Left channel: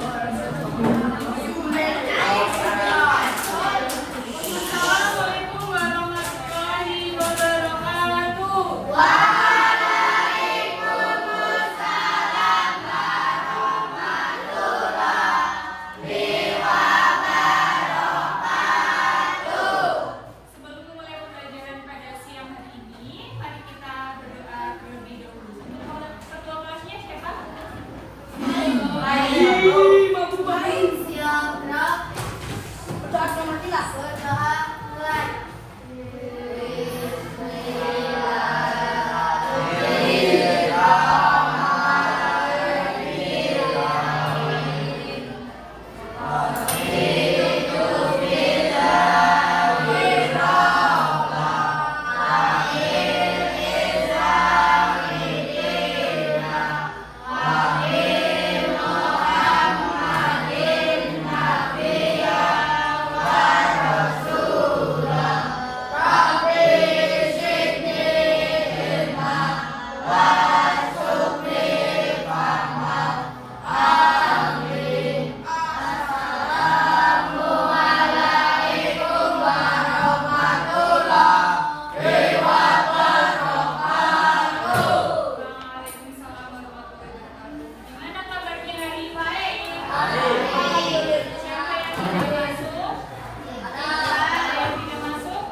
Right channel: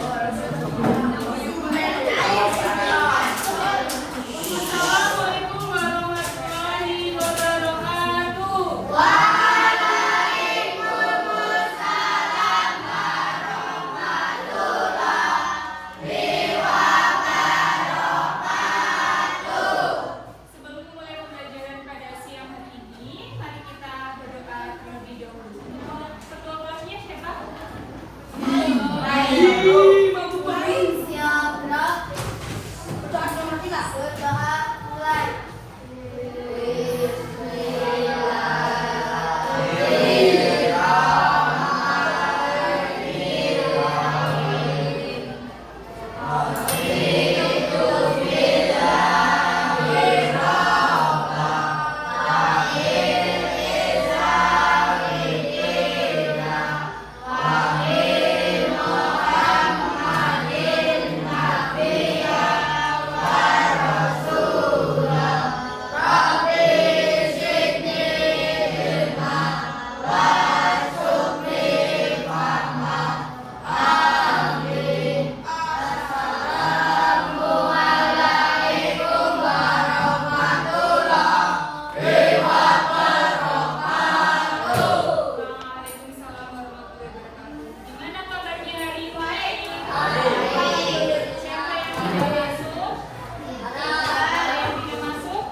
Assalamualaikum warahmatullahi wabarakatuh. Sebelum memulai pembelajaran pada siang hari ini, mari kita berdoa terlebih dahulu. Ketua kelasnya siapa? Waalaikumsalam warahmatullahi wabarakatuh. Gimana kabarnya hari baik? Siapa yang sudah masuk? Ada yang tidak masuk?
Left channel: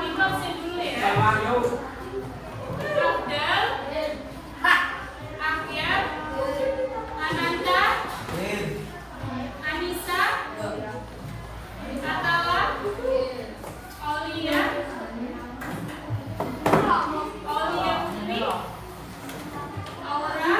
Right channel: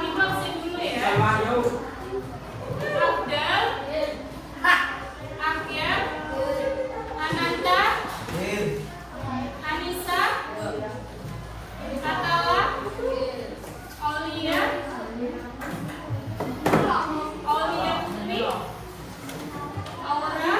Ibu absen dulu ya. Abdal, Akyar, Ananta, Anissa, Atala, Aulia, Aulia Putri, Aura,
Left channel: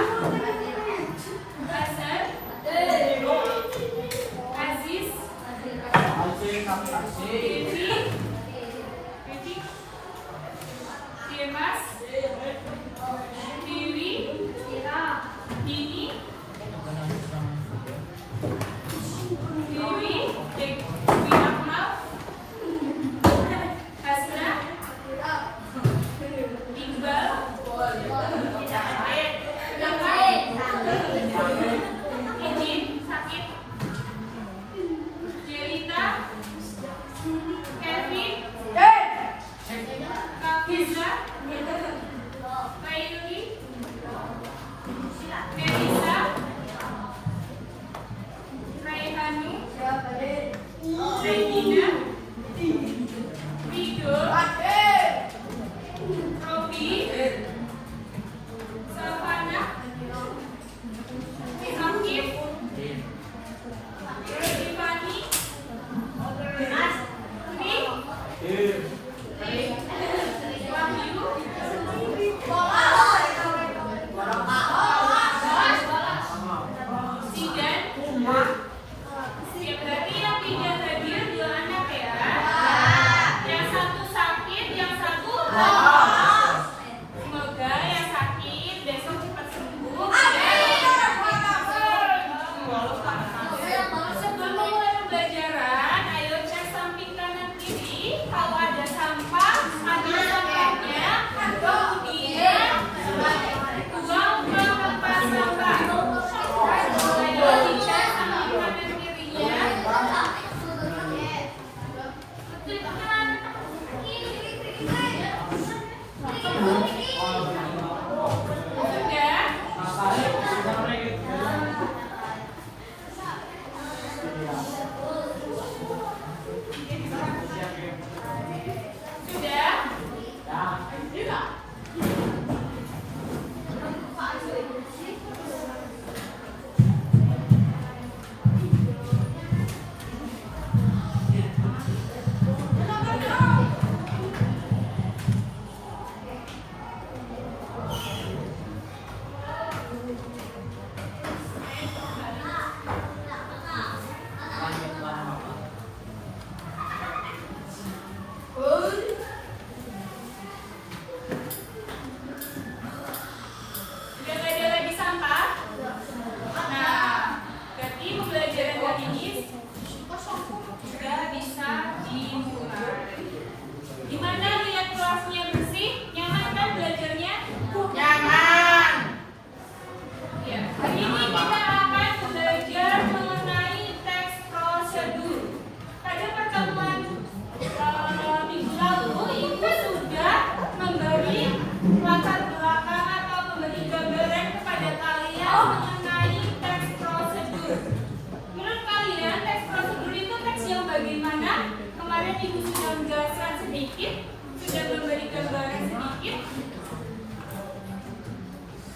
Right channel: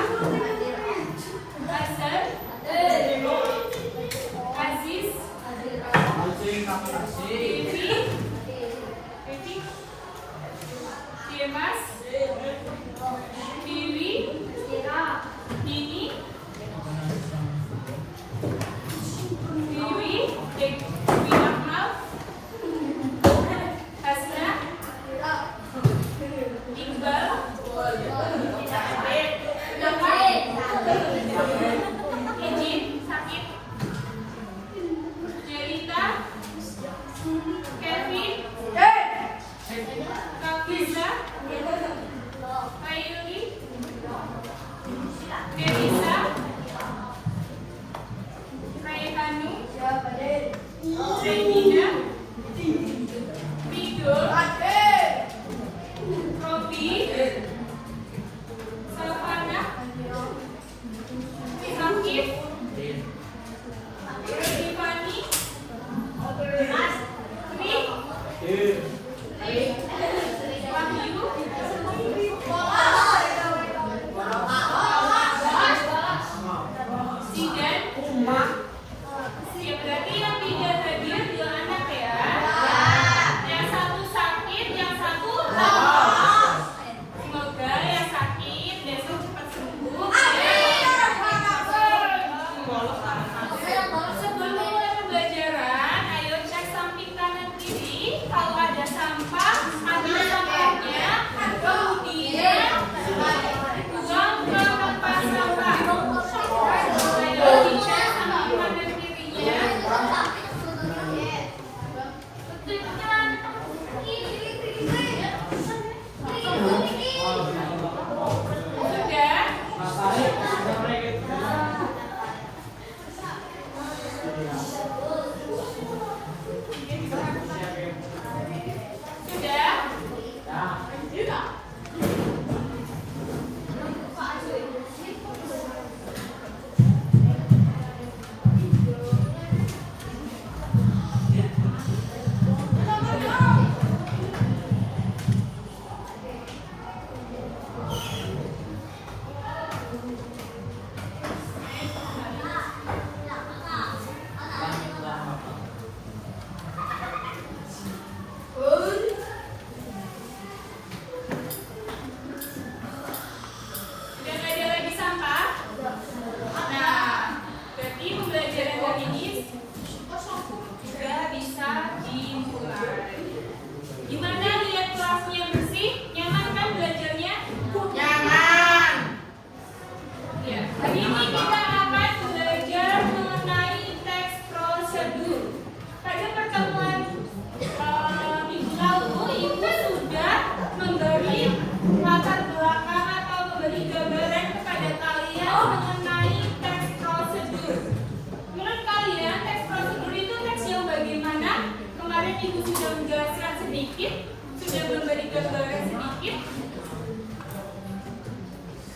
kalian mengenai teks prosedur. Menurut kalian teks prosedur itu teks yang bagaimana? Kemarin Ibu sudah menjelaskan sedikit, sudah memberi gambaran sedikit.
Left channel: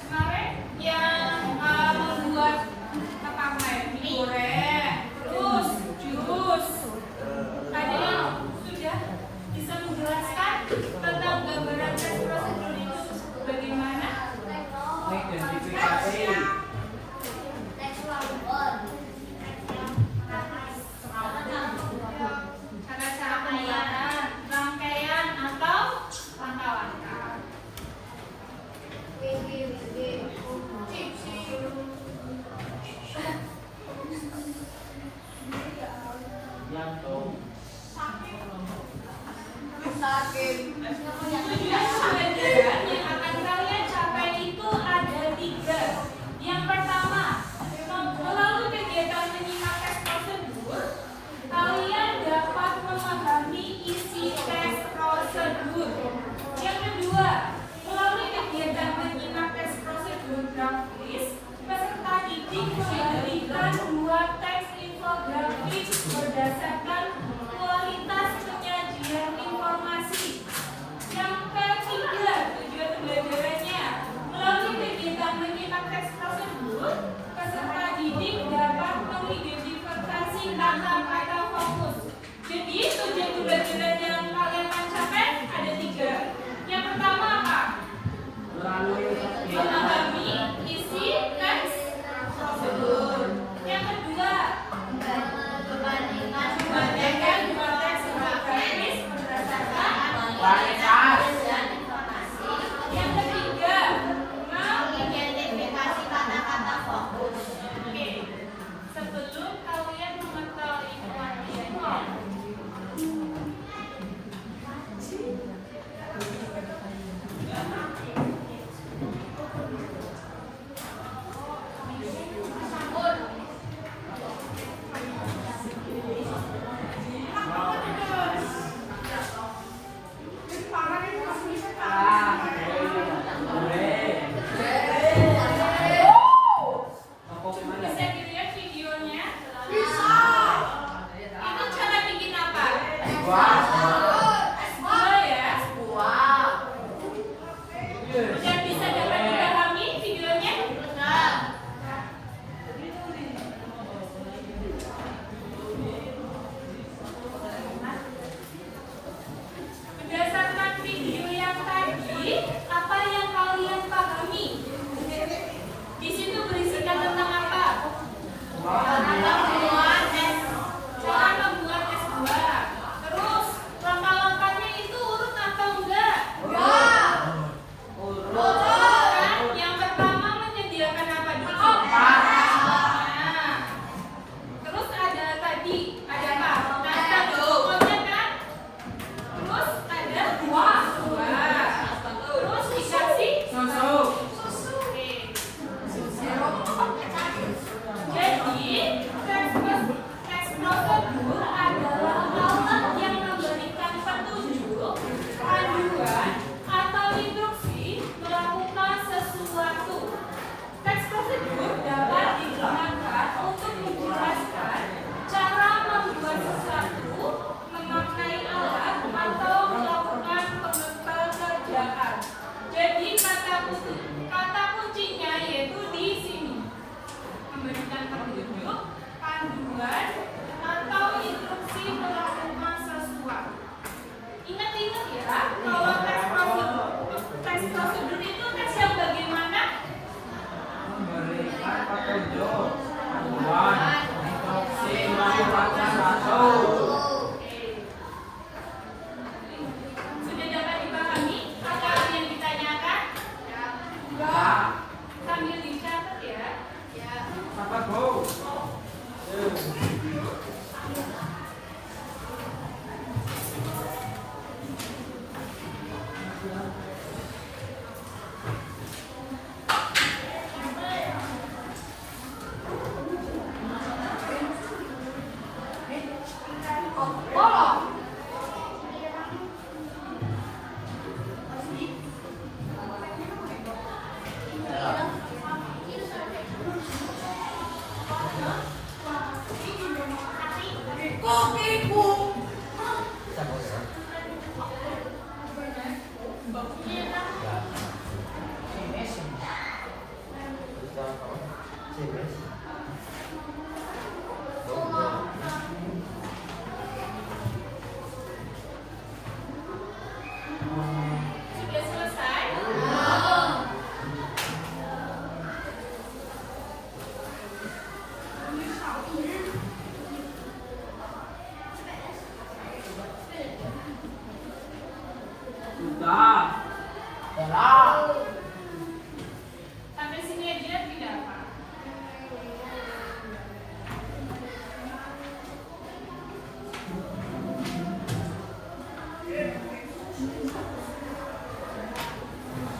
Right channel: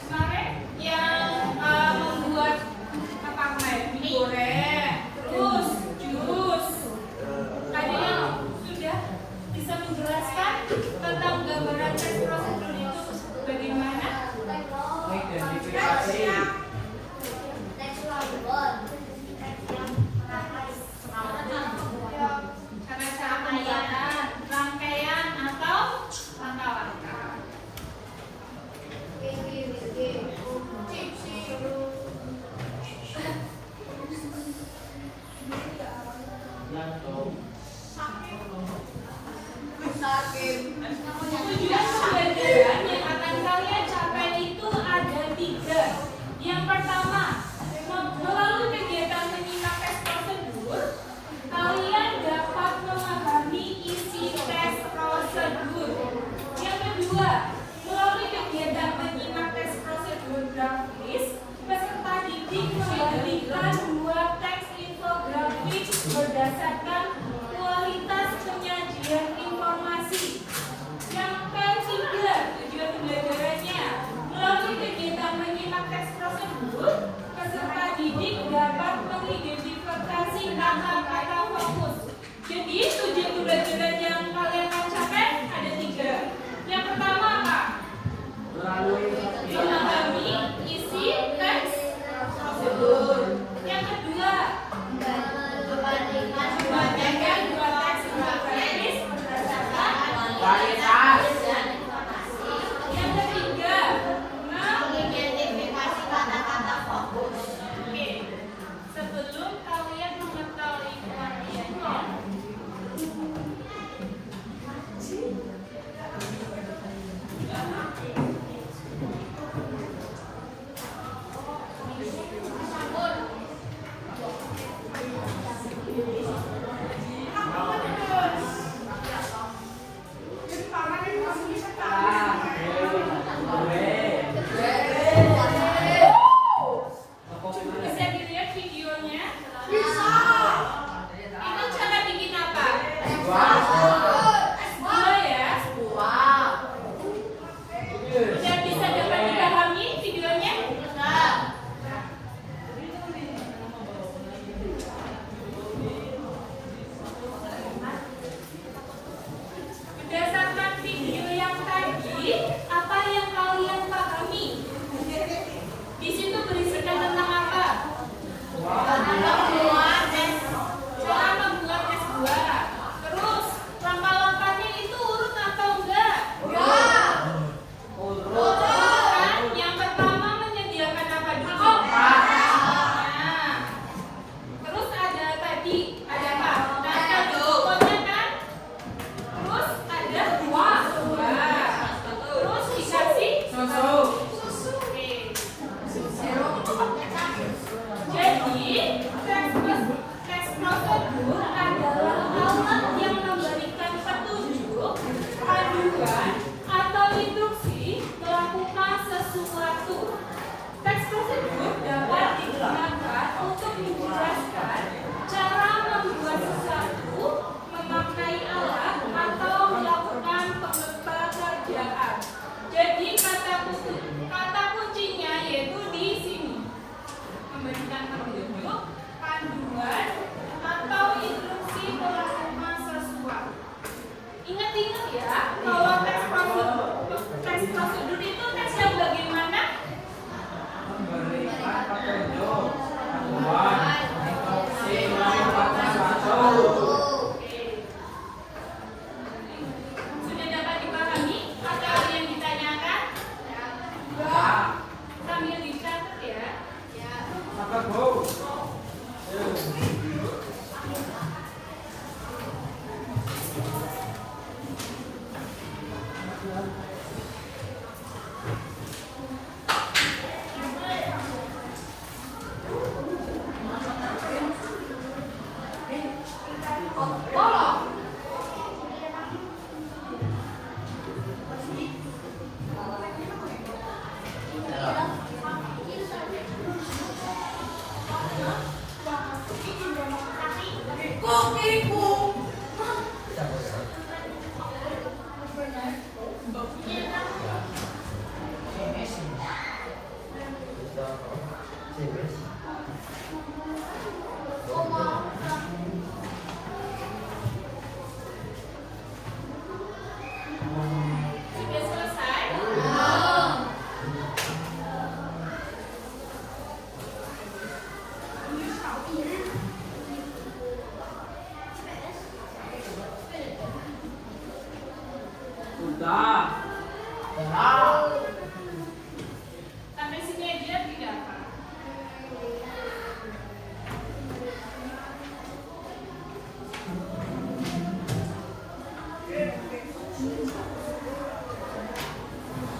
Kemarin yang membuat apa digoreng, terus jus. Kalian sudah bisa menjelaskan tentang gambaran teks prosedur itu bagaimana? Karena cara pembuatan, rangkaian atau langkah-langkah. Tujuan pembelajaran yang akan kalian capai itu ada 3. Yang pertama, melalui kegiatan menyimak teks prosedur, kalian dapat memahami isi teks prosedur. Yang kedua, melalui kegiatan menyimak teks prosedur grafis, peserta didik membagikan 2 teks infografis berdasarkan kualitas penyajian informasi. Yang ketiga, tujuan pembelajarannya melalui kegiatan menyimak teks prosedur, peserta didik dapat mengidentifikasi kata-kata fokus. Jadi tujuan pembelajaran yang kalian akan capai ada 3. Yang pertama apa? Memahami isi teks prosedur. Yang kedua, membandingkan 2 teks grafis berdasarkan kualitas dan informasi. Yang ketiga, mengidentifikasi kata-kata fokus. Oke. Sebelum kalian mengetahui pengertiannya, bisa dilihat videonya? Bisa. Itu cara bikin apa? Buah ya? Udah bisa dapat dipahami videonya? Berdasarkan video yang tadi, apa yang kalian pahami? Di situ berisikan tentang apa? Cara membuat tes buah. Terus langkah-langkahnya itu urut atau enggak? Urut kan? Yang pertama menyediakan apa dulu? Nah, terus ada tadi ada apa? Ada pokoknya kan? Terus ada buah. Terus dikasih susu. Jadi, teks prosedur adalah alat yang memberikan petunjuk, panduan, atau instruksi melakukan sesuatu. Teks prosedur dapat digunakan untuk menjelaskan cara membuat sesuatu, memakai alat, atau melakukan pekerjaan. Jadi, kata kuncinya yaitu di sini. Memberikan petunjuk, panduan, atau instruksi melakukan sesuatu. Ingat-ingat ya, kalau teks prosedur itu teks yang bagaimana? Sudah selesai? Sudah. Sampai sini aja tidak apa?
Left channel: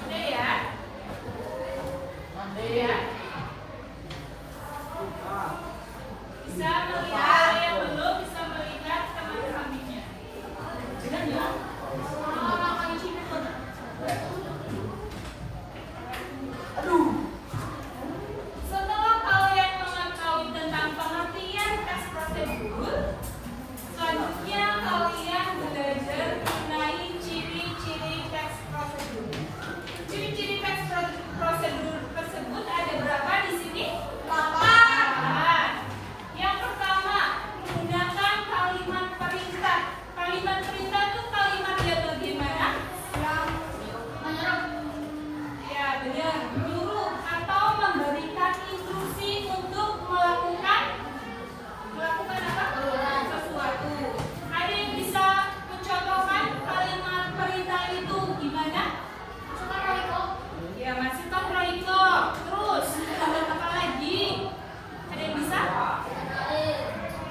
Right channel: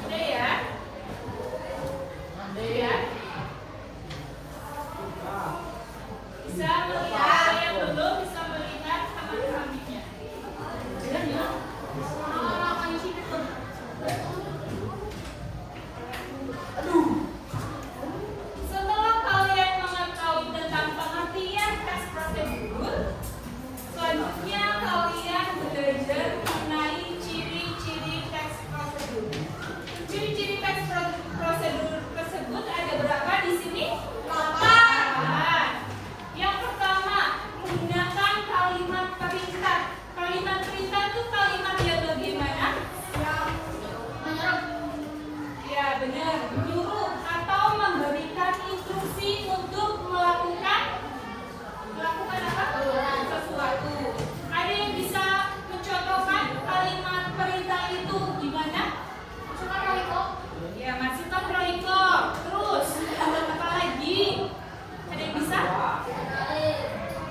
Sudah ya? Sudah? Bisa melihat yang belum bisa melihat sama kambingnya. Setelah kalian mengetahui tentang pengertian teks prosedur, selanjutnya kalian belajar mengenai ciri-ciri teks prosedur. Ciri-ciri teks prosedur tersebut ada berapa di sini? 8. Yang pertama, menggunakan kalimat perintah. Kalimat perintah itu kalimat yang bagaimana? Ya benar, menyuruh atau memberikan instruksi untuk melakukan apa? Sesuatu. Ada yang bisa mencontohkan kalimat perintah itu gimana? Masukkan Royko. Ya, masukkan Royko. Terus, apa lagi? Ada yang bisa?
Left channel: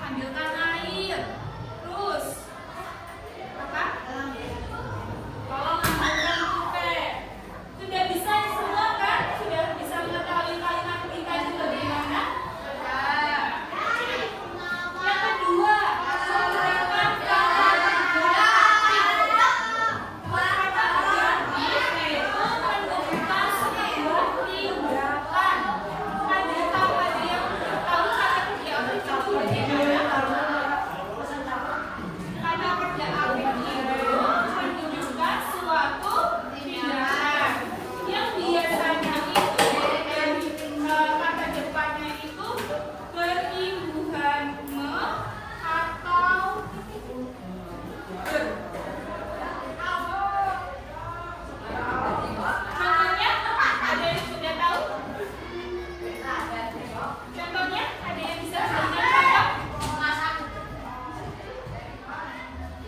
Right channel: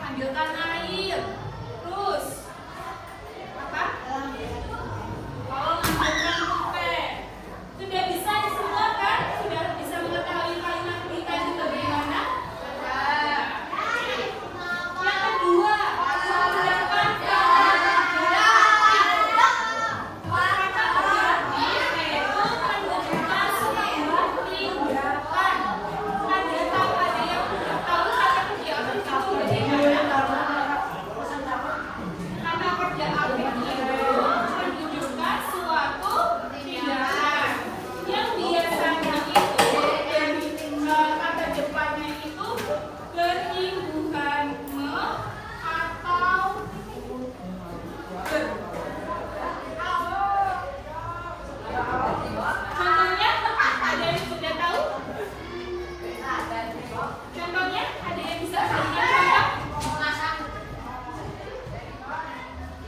Ambilkan air. Terus, apa? Tolong ambilkan pempek. Sudah bisa semua kan? Sudah bisa mengetahui kalimat perintah itu bagaimana? Yang kedua, menggunakan kata kerja aktif yaitu menentukan sebuah tindakan. Ada yang tahu kata kerja aktif itu bagaimana? Kata kerja aktif itu menunjukkan suatu tindakan yang biasanya itu kata depannya itu berimbuhan atau contohnya ada yang sudah tahu? Contohnya ada yang bisa berikan contoh?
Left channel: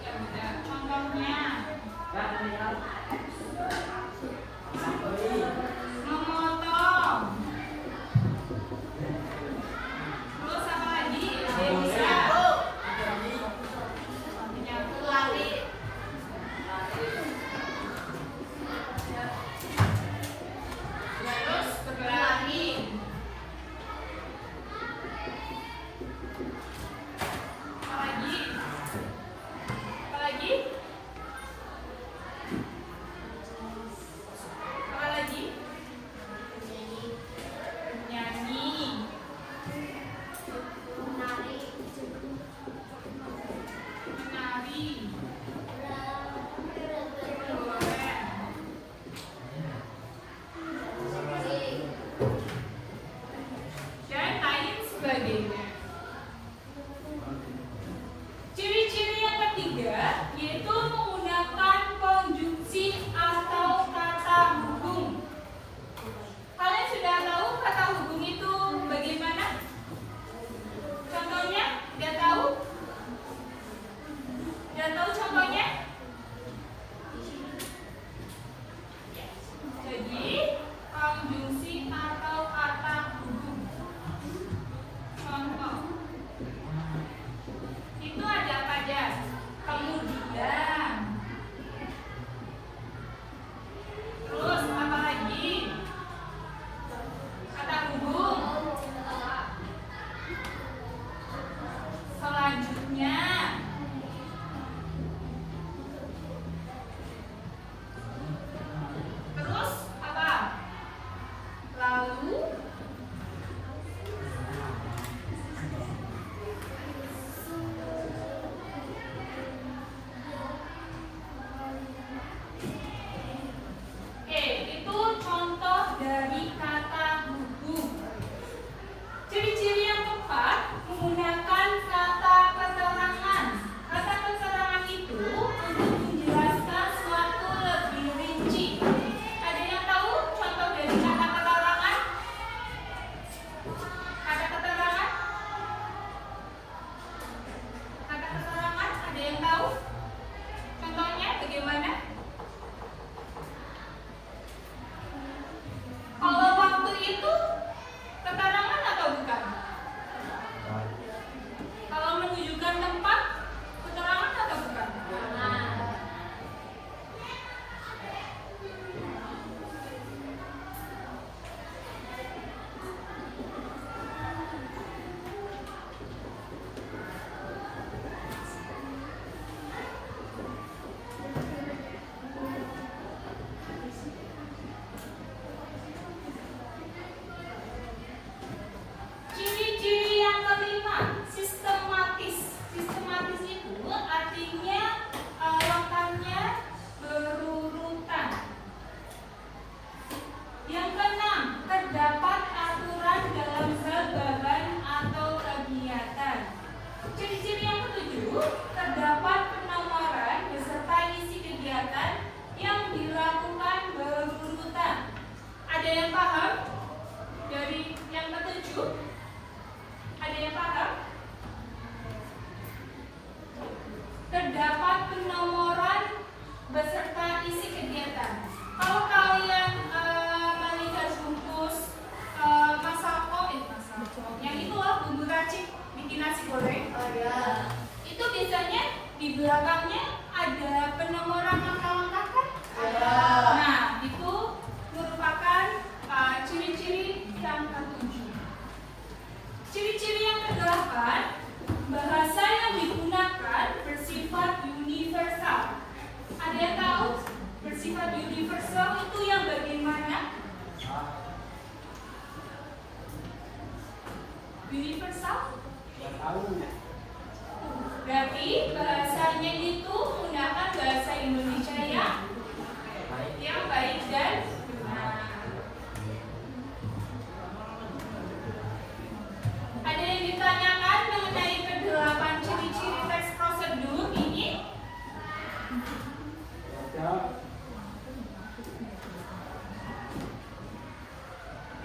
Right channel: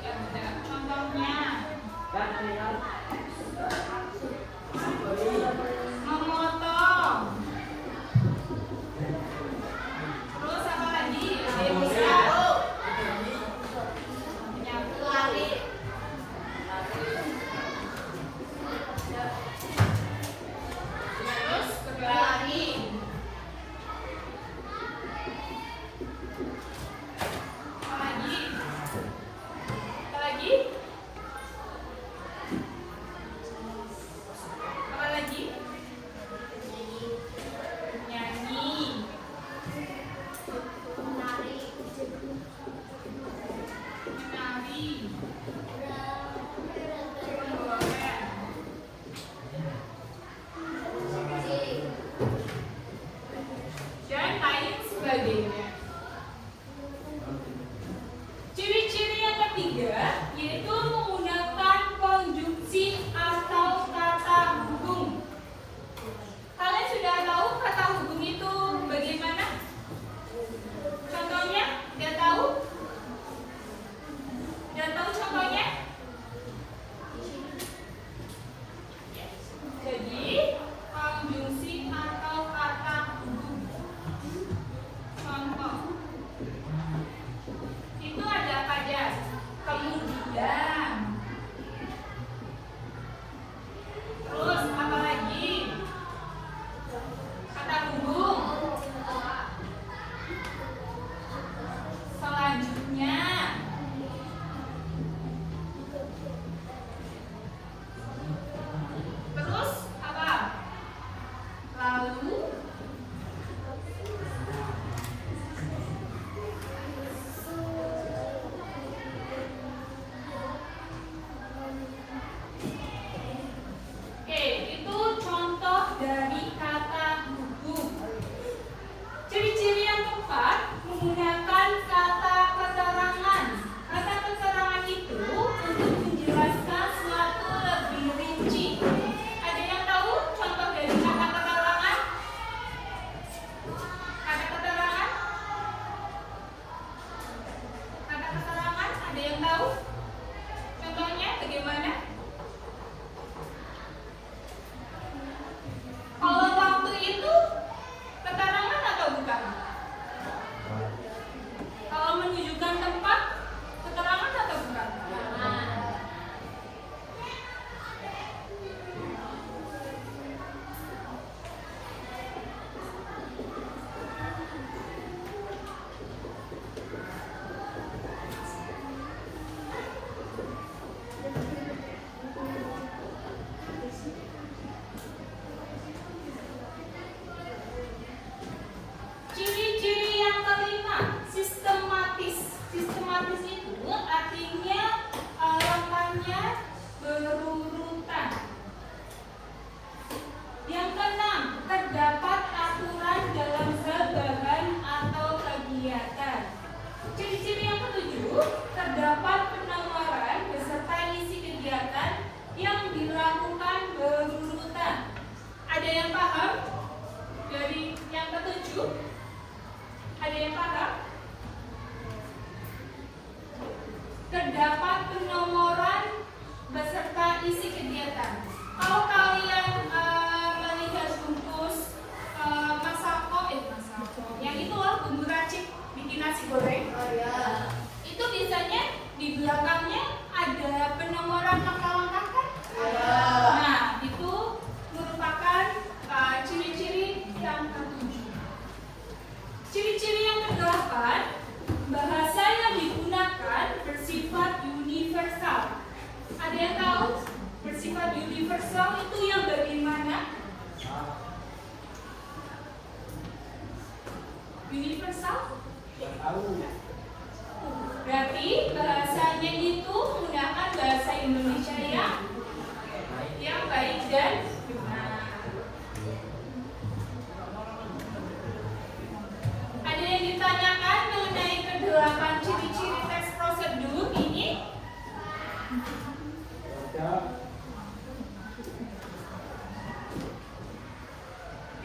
Ya, benar. Contohnya memotong. Terus apa lagi? Ada yang bisa? Menyapu. Terus berlari. Apa lagi? Apa lagi? Apa lagi? Nyanyi. Menari. Dan lain sebagainya. Ciri-ciri yang ketiga yaitu menggunakan konjungsi atau kata hubung. Kalian sudah tahu kata hubung itu bagaimana? Contohnya, sudah tahu? Sudah tahu contohnya? Jadi, konjungsi atau kata hubung. Contoh. setuju? Ada yang paham? Terdapat penomoran beserta isi kegiatan. Kalau kalian melihat bungkus masako, yang itu loh bumbu racik bikin nasi goreng. Itu biasanya di belakangnya ada penomoran langkah-langkah kan? Ada. Nah, itu merupakan ciri-ciri yang ketujuh. Ciri-ciri yang kedelapan, bahasa yang digunakan bersifat universal. Ada yang tahu bersifat universal itu yang bagaimana? Universal? Berarti bahasanya itu menggunakan bahasa Indonesia yang baik dan benar. Ada yang ditanyakan mengenai kedelapan ciri-ciri teks prosedur ini?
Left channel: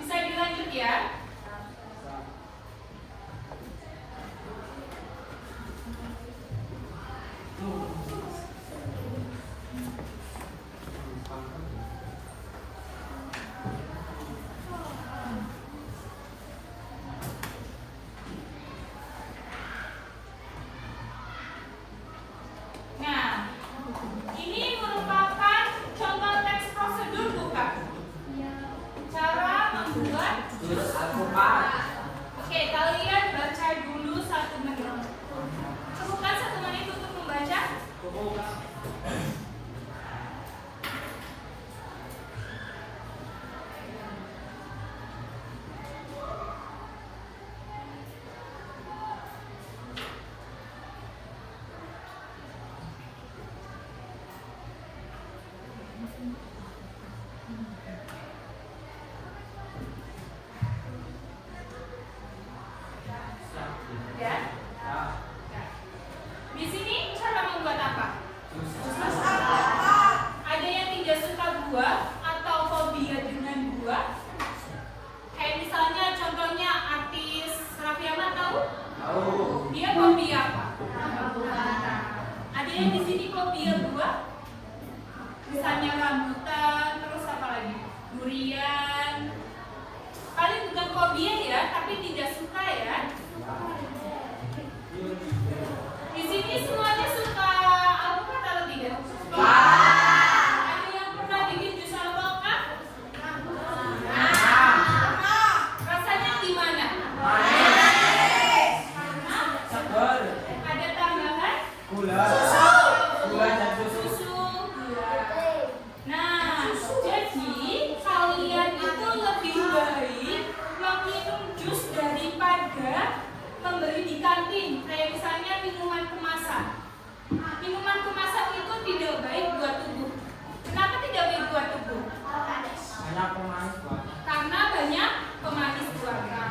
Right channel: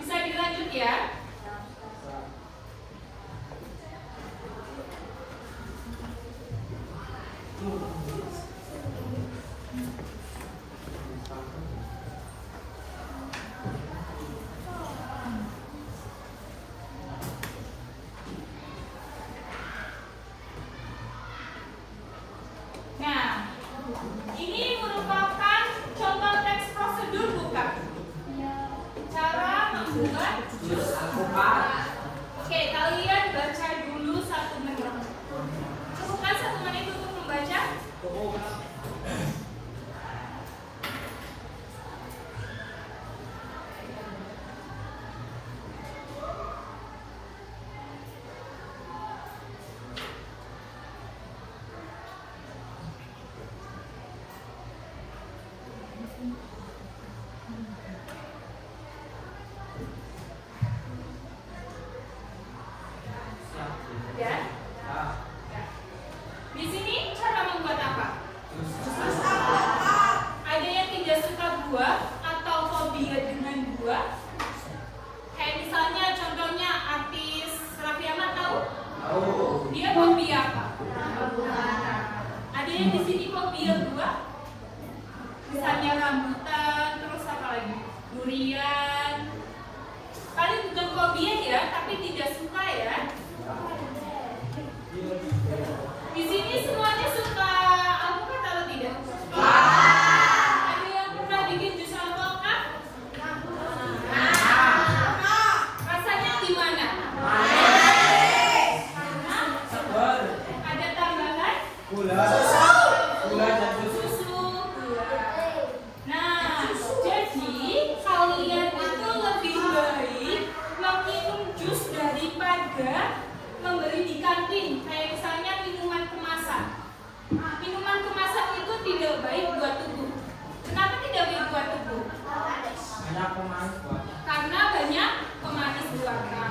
Bisa dilanjut ya? Nah, ini merupakan contoh teks prosedur bukan? Cara membuat jus alpukat. Oke, kalian baca dulu 1 menit. Bukan 1 menit untuk membaca? Ya? Di sini cara membuat apa? Ada yang tidak suka buah atau fobia dengan buah? Kayak misalnya contohnya artis Raffi Ahmad tahu? Dia fobia apa? Ada yang di sini fobia buah? Misalnya rambutan, terus apa lagi? Durian. Kalian bukan fobia ya, tapi tidak suka ya. Di sini semuanya suka alpukat atau tidak? Ada yang pernah bikin jus alpukat? Rasanya gimana? Ada tambahan? Susu. Nah, jadi kalian itu lebih baik meminum jus daripada membeli di kantin, kayak misalnya minuman kemasan. Minuman kemasan itu tidak baik buat tubuh. Kenapa tidak baik buat tubuh? Banyak pemanis, Pak. Karena banyak pemanis buatan.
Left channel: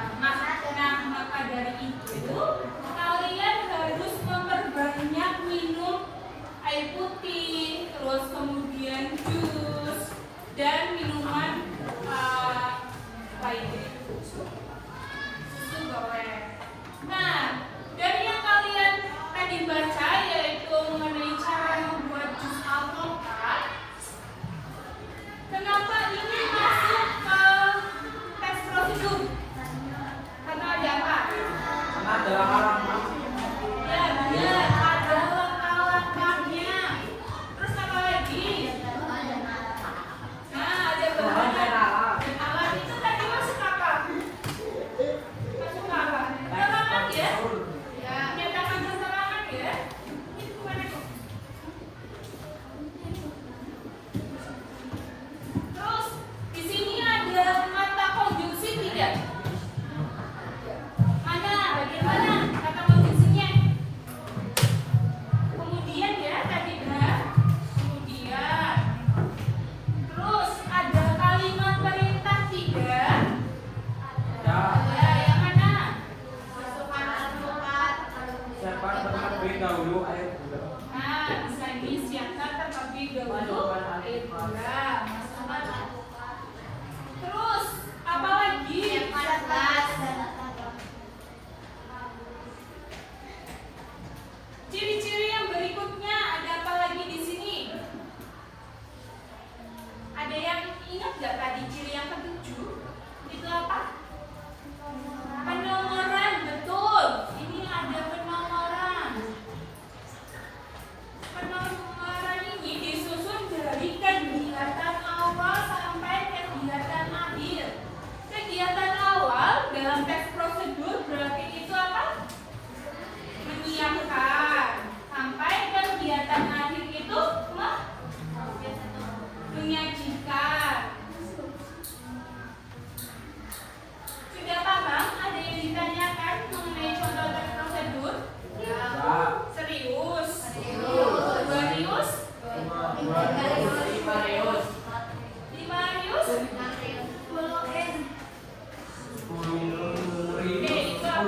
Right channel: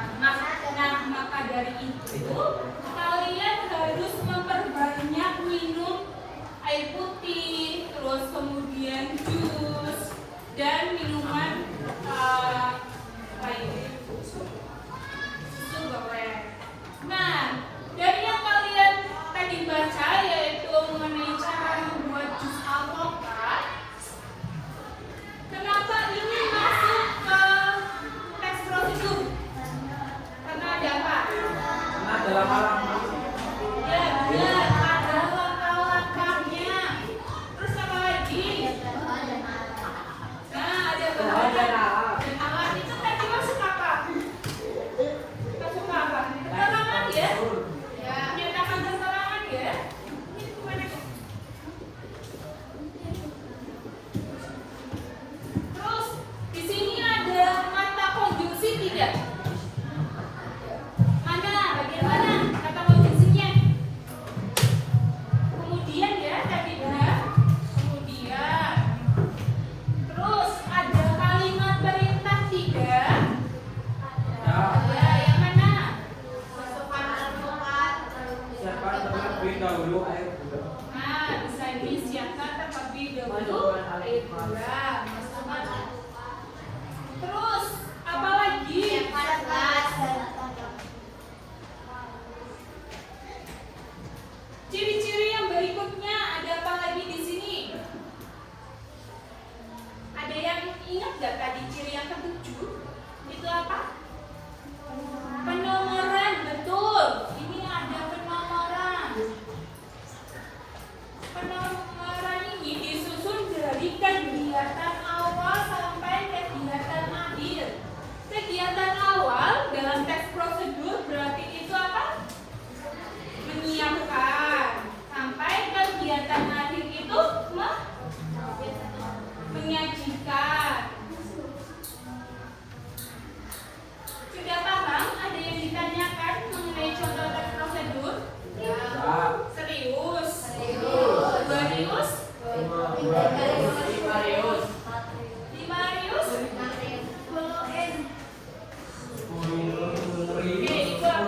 Maka dari itu kalian harus memperbanyak minum air putih, terus kemudian jus dan minuman lainnya. Susu goreng. Nah, dari yang kalian tadi baca yaitu mengenai cara membuat jus alpukat, kenapa ini masuk ke teks prosedur? Karena ada apa? Ada langkah-langkah. Ya, benar, ada langkah-langkahnya. Terus apa lagi? Nah, ada bahan dan alat itu tadi masuk apa? Masuk apa? Keterangan ya? Menyatakan keterangan ya? Terus di sini ada kata konjungsi tidak? Mana? Bagaimana? Kata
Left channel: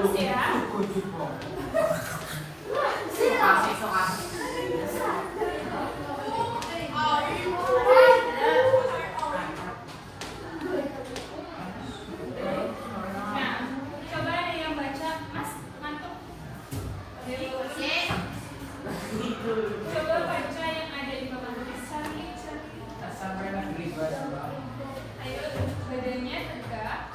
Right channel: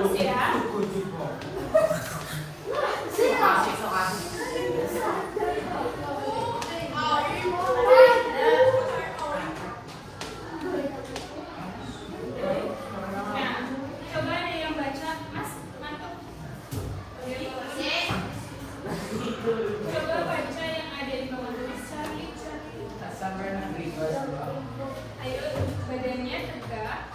Bagus ya. Nah, coba ada yang baca, Mas, mantap. Coba baca yang ada di bawah. Cari. Ayo, badannya tegak.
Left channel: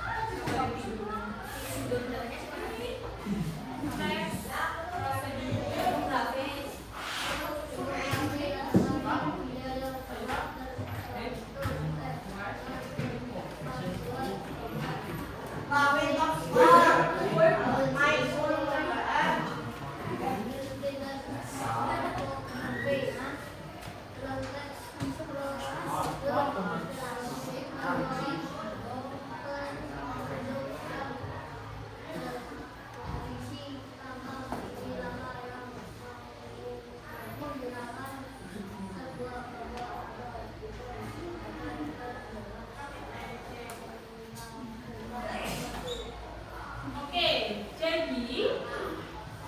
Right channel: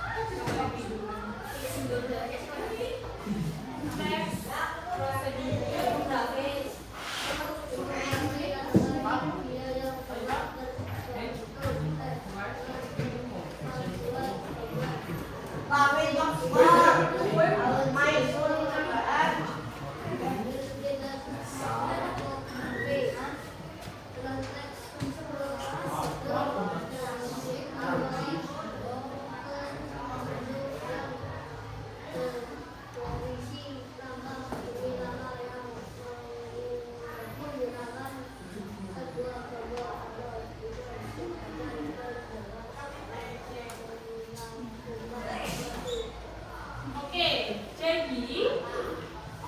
Oke, jadi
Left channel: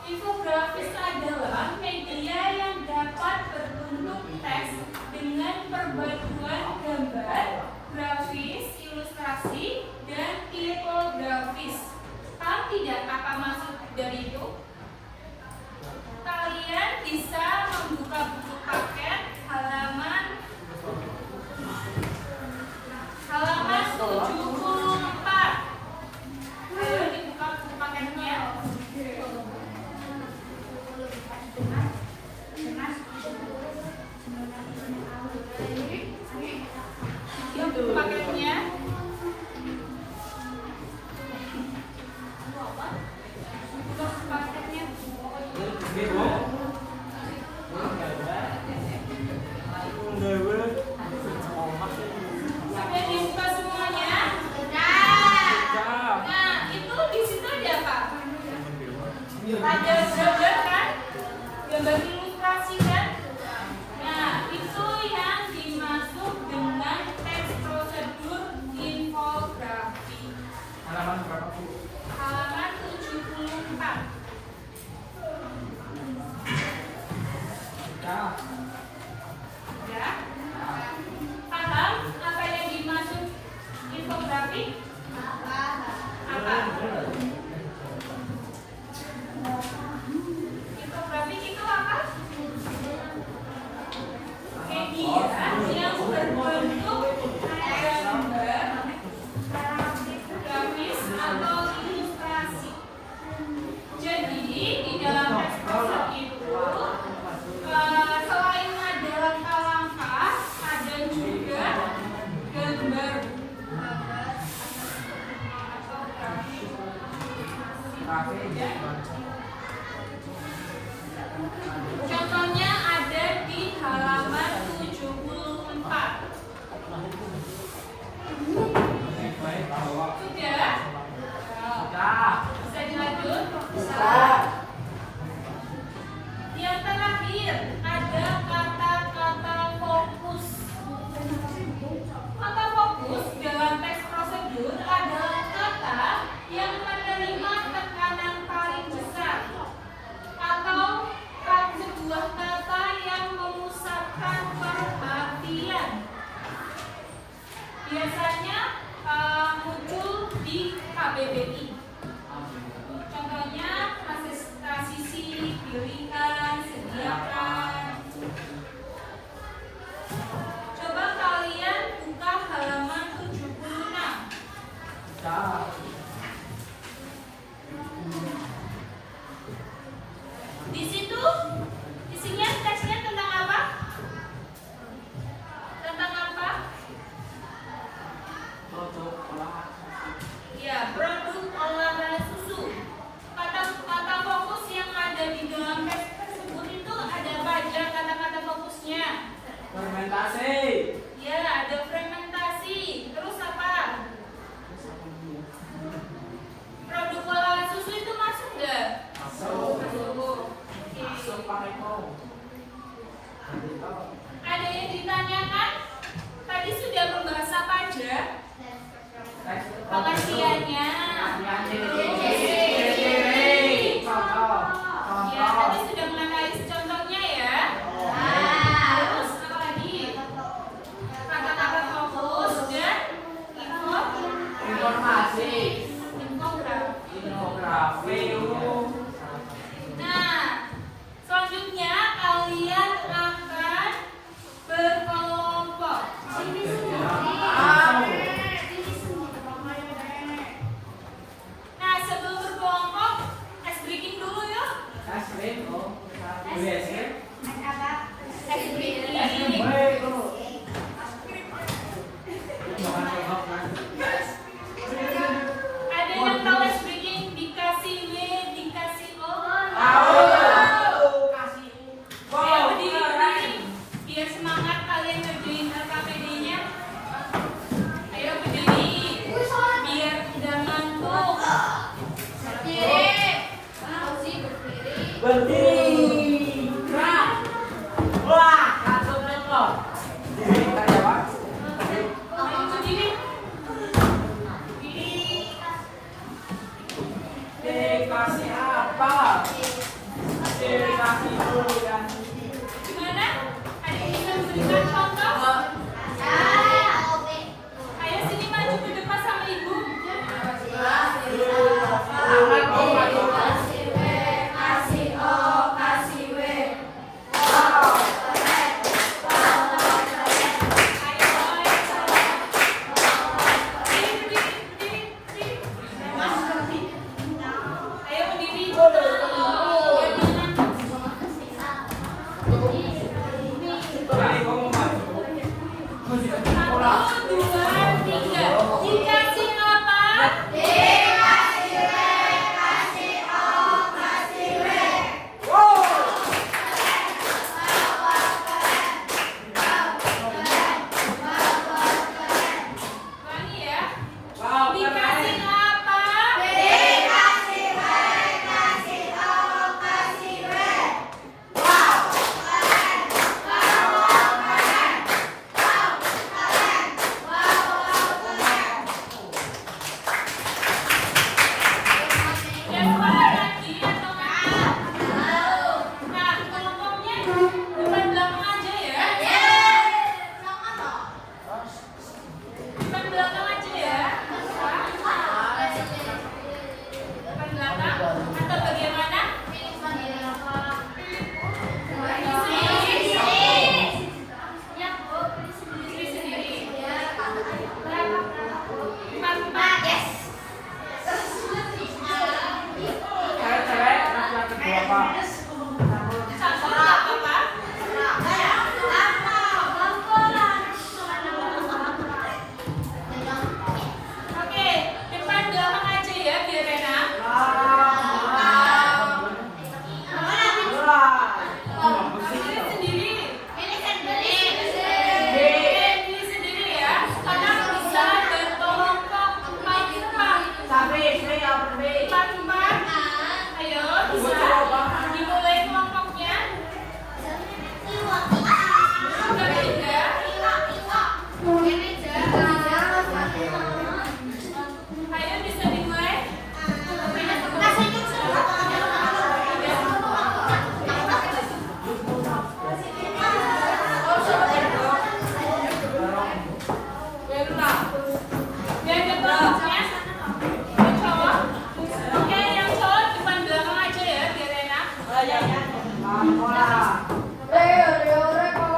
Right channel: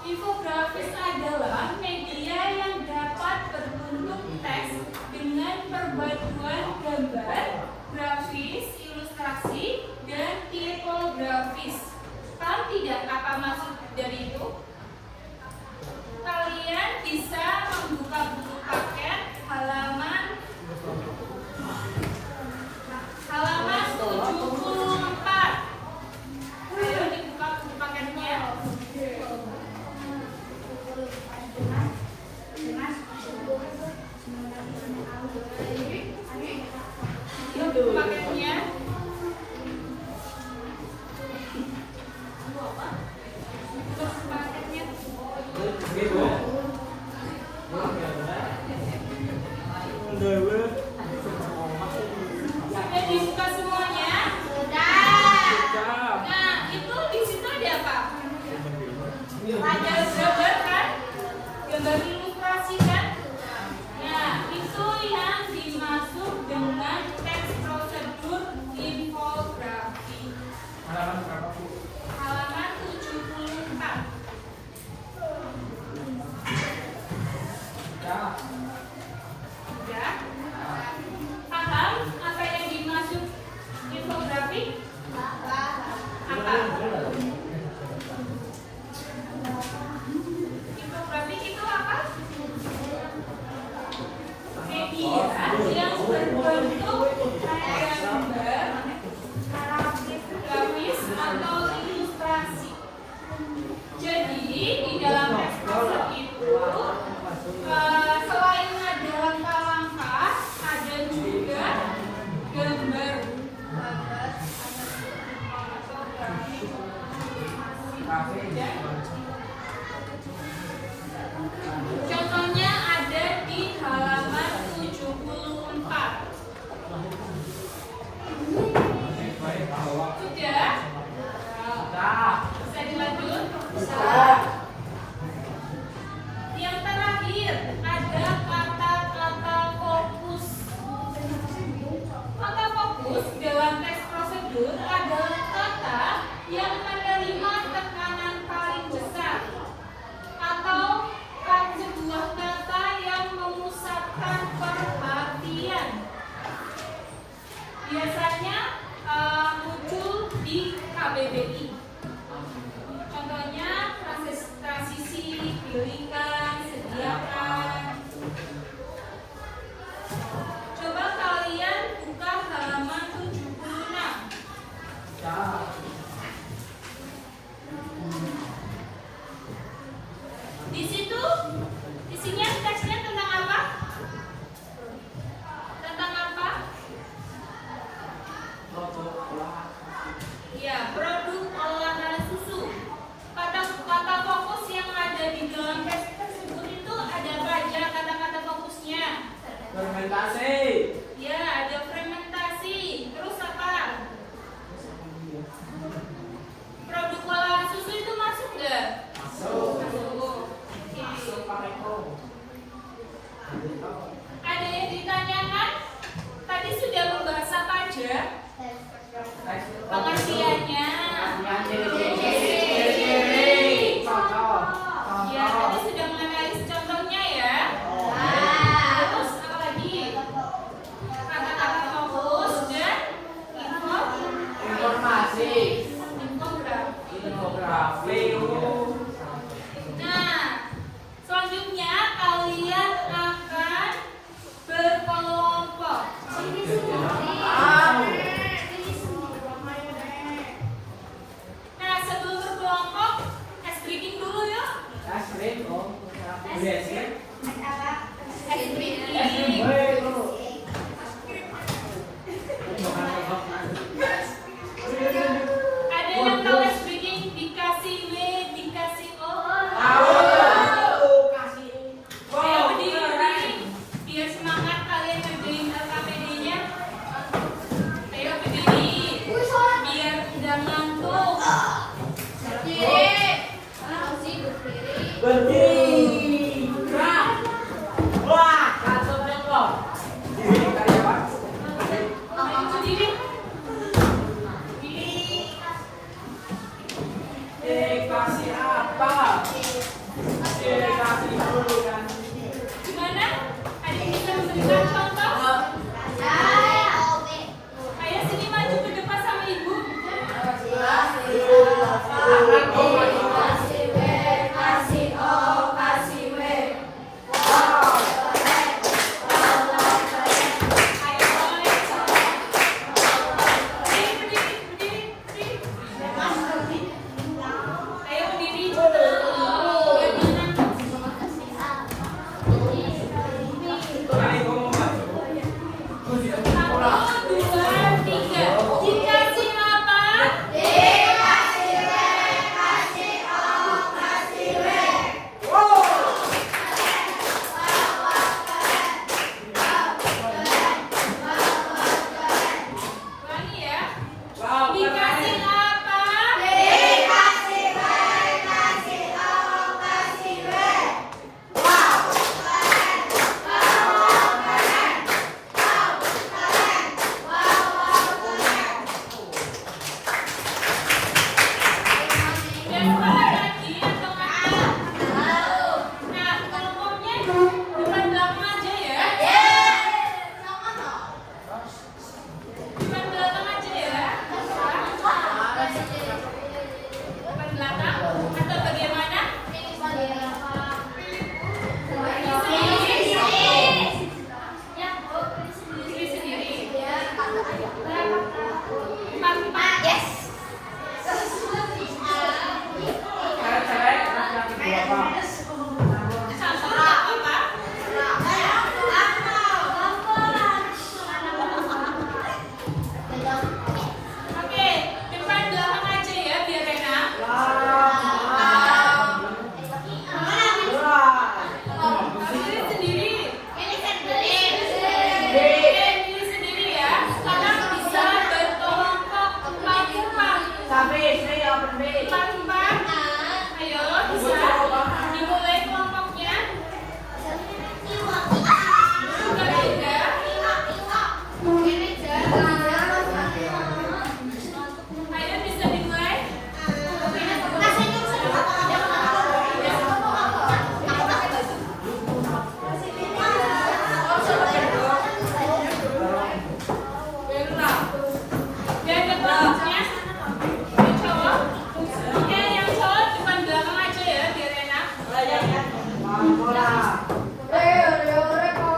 infografis adalah media yang dapat berbentuk teks dengan perpaduan gambar, grafis, ilustrasi, dan infografis. Paham tidak apa maksud dari itu? Kalian bisa membuka buku paket halaman 74. Ayo dibuka buku paketnya. Ayo buku paketnya. Terus paketnya. Sudah dibuka semuanya? Nah, itu di situ ada apa? Ada gambar kan? Gambar ilustrasi kan? Nah, itu yang dimaksud dengan teks prosedur infografi. Halaman berapa, Bu? Halaman 74. Ya. Ya? Paham apa yang dimaksud infografi? Apa? Infografis itu apa? Media yang berbentuk gambar, grafis atau ilustrasi. Jadi di dalam teks prosedur itu selain ada langkah-langkah, ada juga gambar. Contohnya ada di halaman 74. Sudah? Bisa dilanjut? Bisa. Yang terakhir ada kata-kata fokus. Kata fokus dalam teks prosedur adalah kata yang menerima tekanan paling besar atau sebuah kata yang memusatkan perhatian. Biasanya muncul di KBBI. Contohnya transisi, pilihkan, sediakan. Coba kalian buka halaman 76. Ya. Di situ isinya teksnya tentang apa? Tentang apa? Ya, produk olahan susu. Kata fokus yang ada di dalam teks tersebut itu ada apa aja kata-kata fokusnya? Fermentasi. Ya, ada fermentasi. Terus apa? Produk olahan susu itu masuk nggak? Masuk. Oke. Pakai kol. Ada yang ditanyakan? Tadi sudah membahas apa aja? Pengertiannya. Ciri-ciri. Leo. Nah, selanjutnya kalian akan berkelompok. Nah, sebelum berkelompok, ice breaking dulu yuk. Asli, oh, yes ya. Ice breaking. Ada yang tahu ice breaking? Dikasih W, dikasih O. Ayo berdiri, biar semangat kalian ngerjain LKPD-nya. Ayo berdiri, biar tidak ngantuk. Berdiri. Wah, langsung repot. Diri karyawan. Ayo berdiri. Dikasih apa? Dikasih bulan. Gimana? Ada yang bisa memberikan contoh? Ayo sini maju ke depan sama ibu. Ayo berdiri. Ayo ngomong maju. Satu, dua, tiga. Dikasih apa? Ulangi ya. Wow, Dikasih apa? Dan sekolah lagi atau enggak? Nah, kelompoknya depan belakang aja ya. Depan belakang aja ya. Depan belakang atau bagaimana? Sendiri sendiri. Empat. cewek-cewek laki-laki berapa? Satu nggak apa-apa. Oke, depan belakang aja ya biar enak. Sendiri sendiri. Diri sendiri ya. Karena bisa berkelompok empat. Empat. Ayo bisa. Dimulai kelompoknya. Sudah tiga. Ayo bisa dimulai. Biar dia kelompoknya. Yang cowok. Oke, yang cowok depan belakang aja ya biar enak. Belakang biar yang belakang.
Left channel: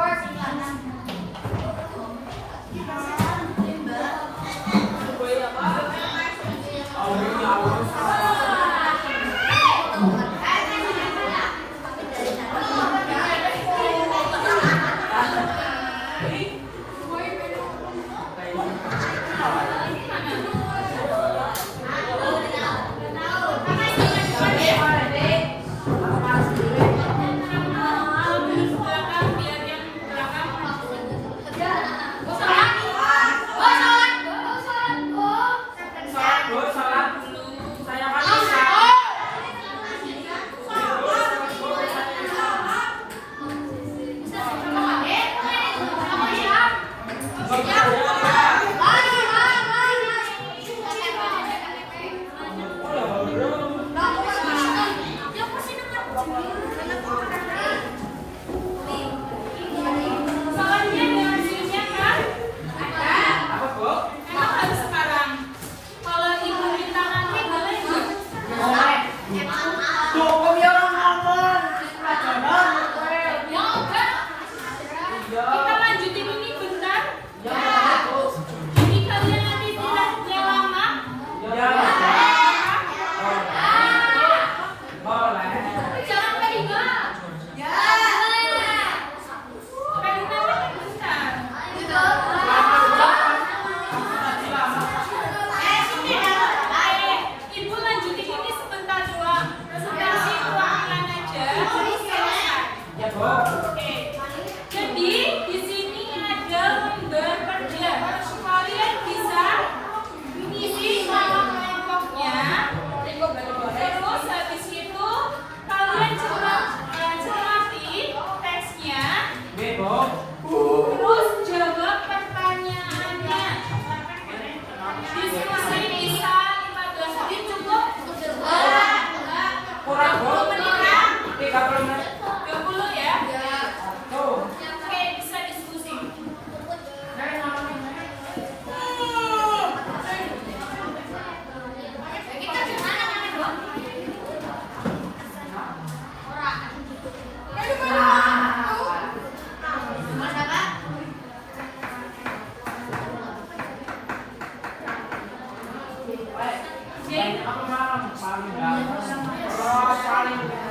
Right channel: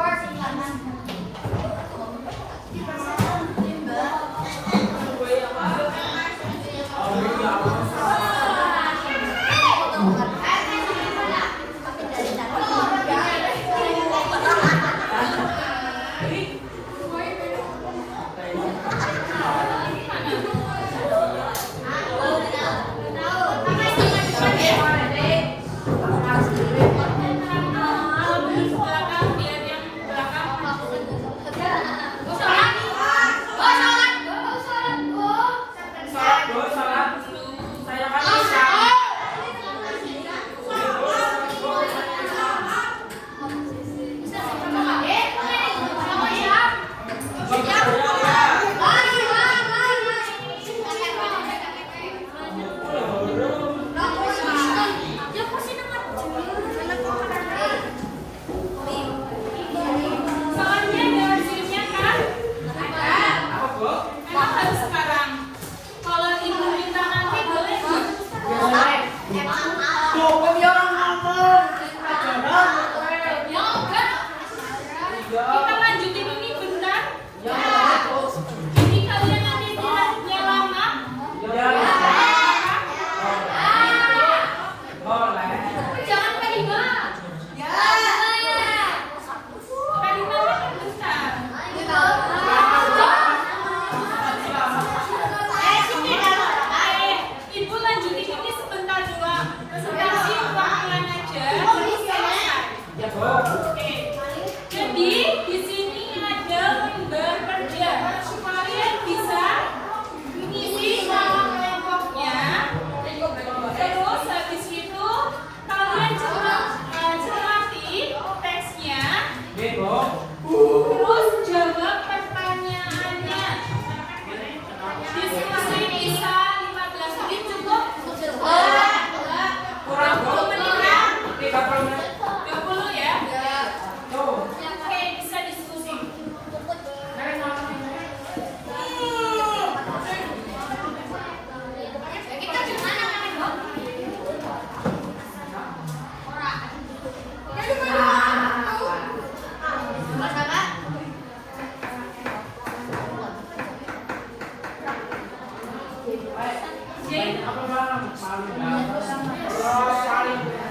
Salat. Saya kan bisa. Soalnya ada hasilnya kan? Apa, Bu? Emang harus sekarang. Kalau ibu minta nanti boleh nggak? Boleh. 20 ya? Tuh. Oke, bisa diskusi. Jin, Ako lang. Kalau paling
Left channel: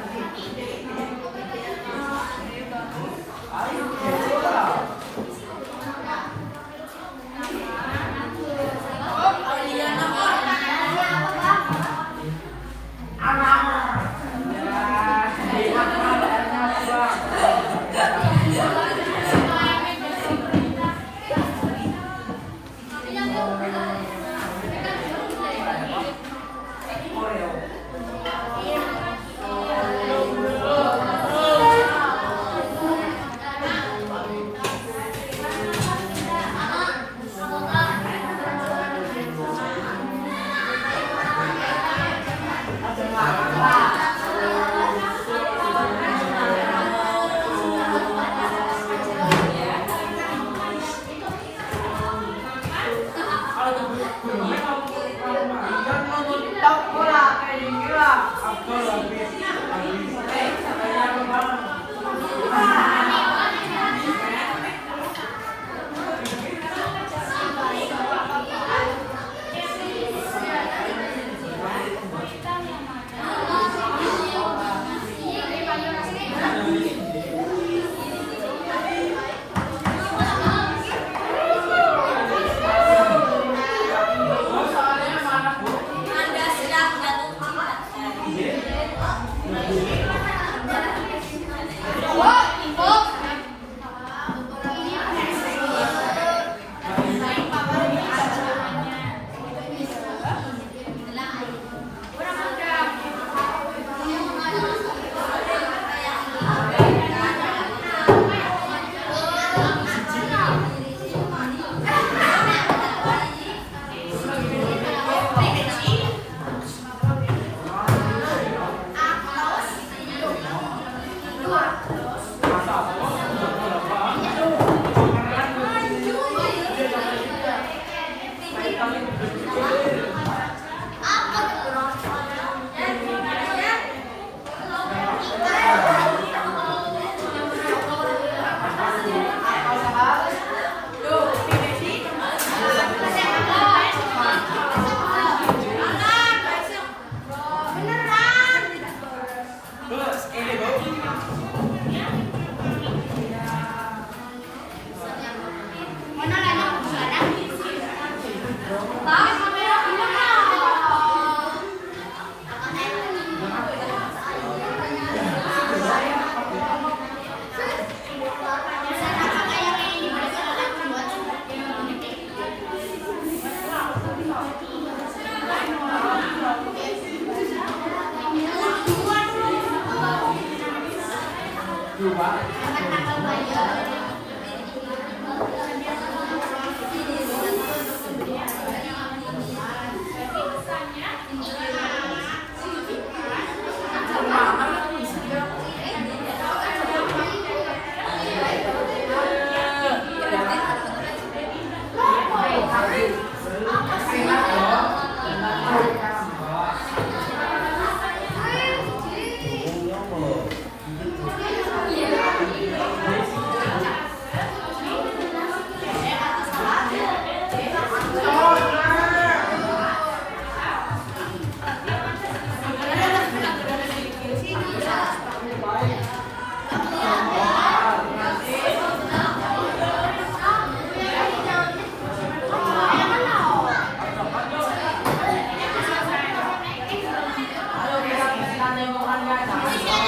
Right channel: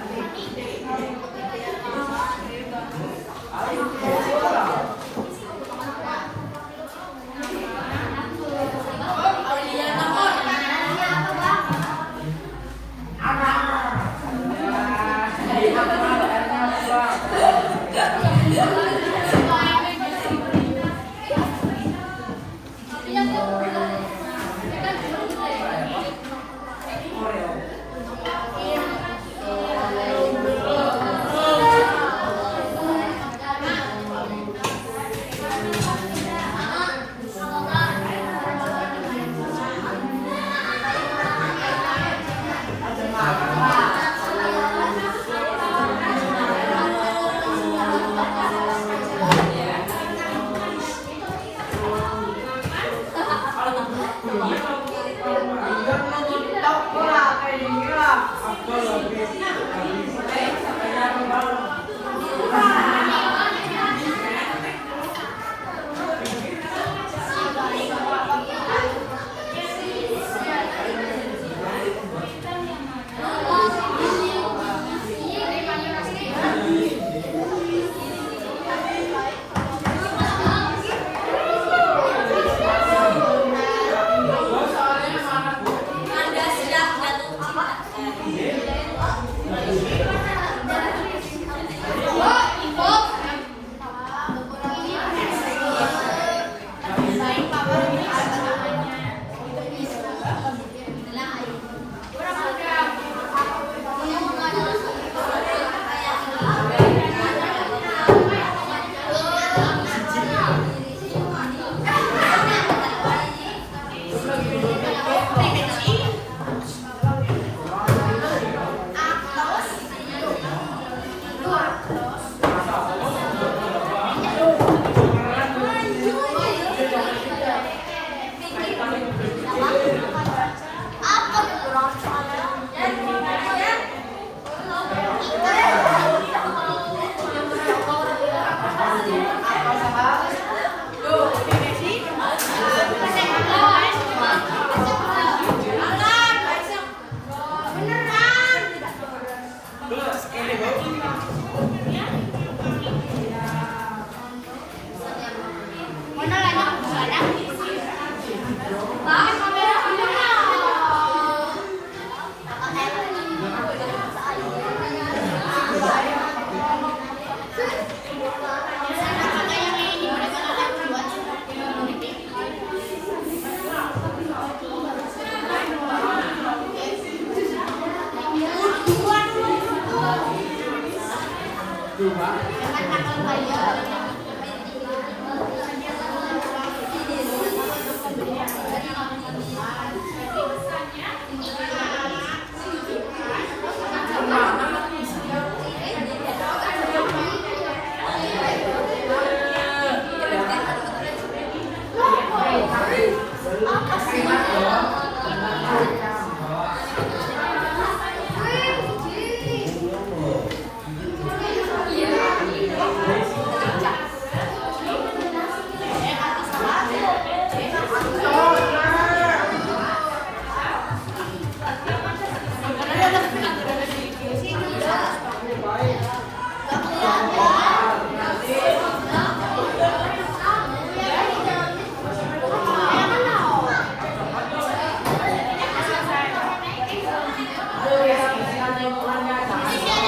ayo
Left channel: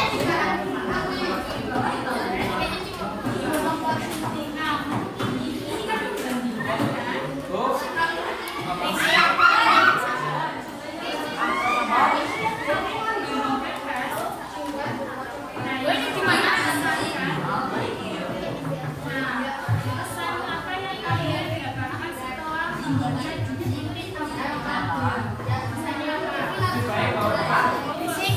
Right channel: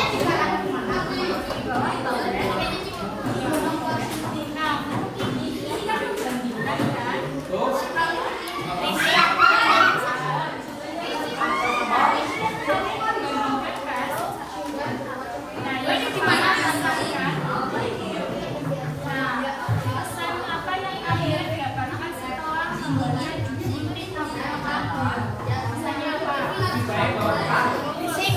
kita. Fisik.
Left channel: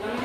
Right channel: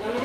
Yang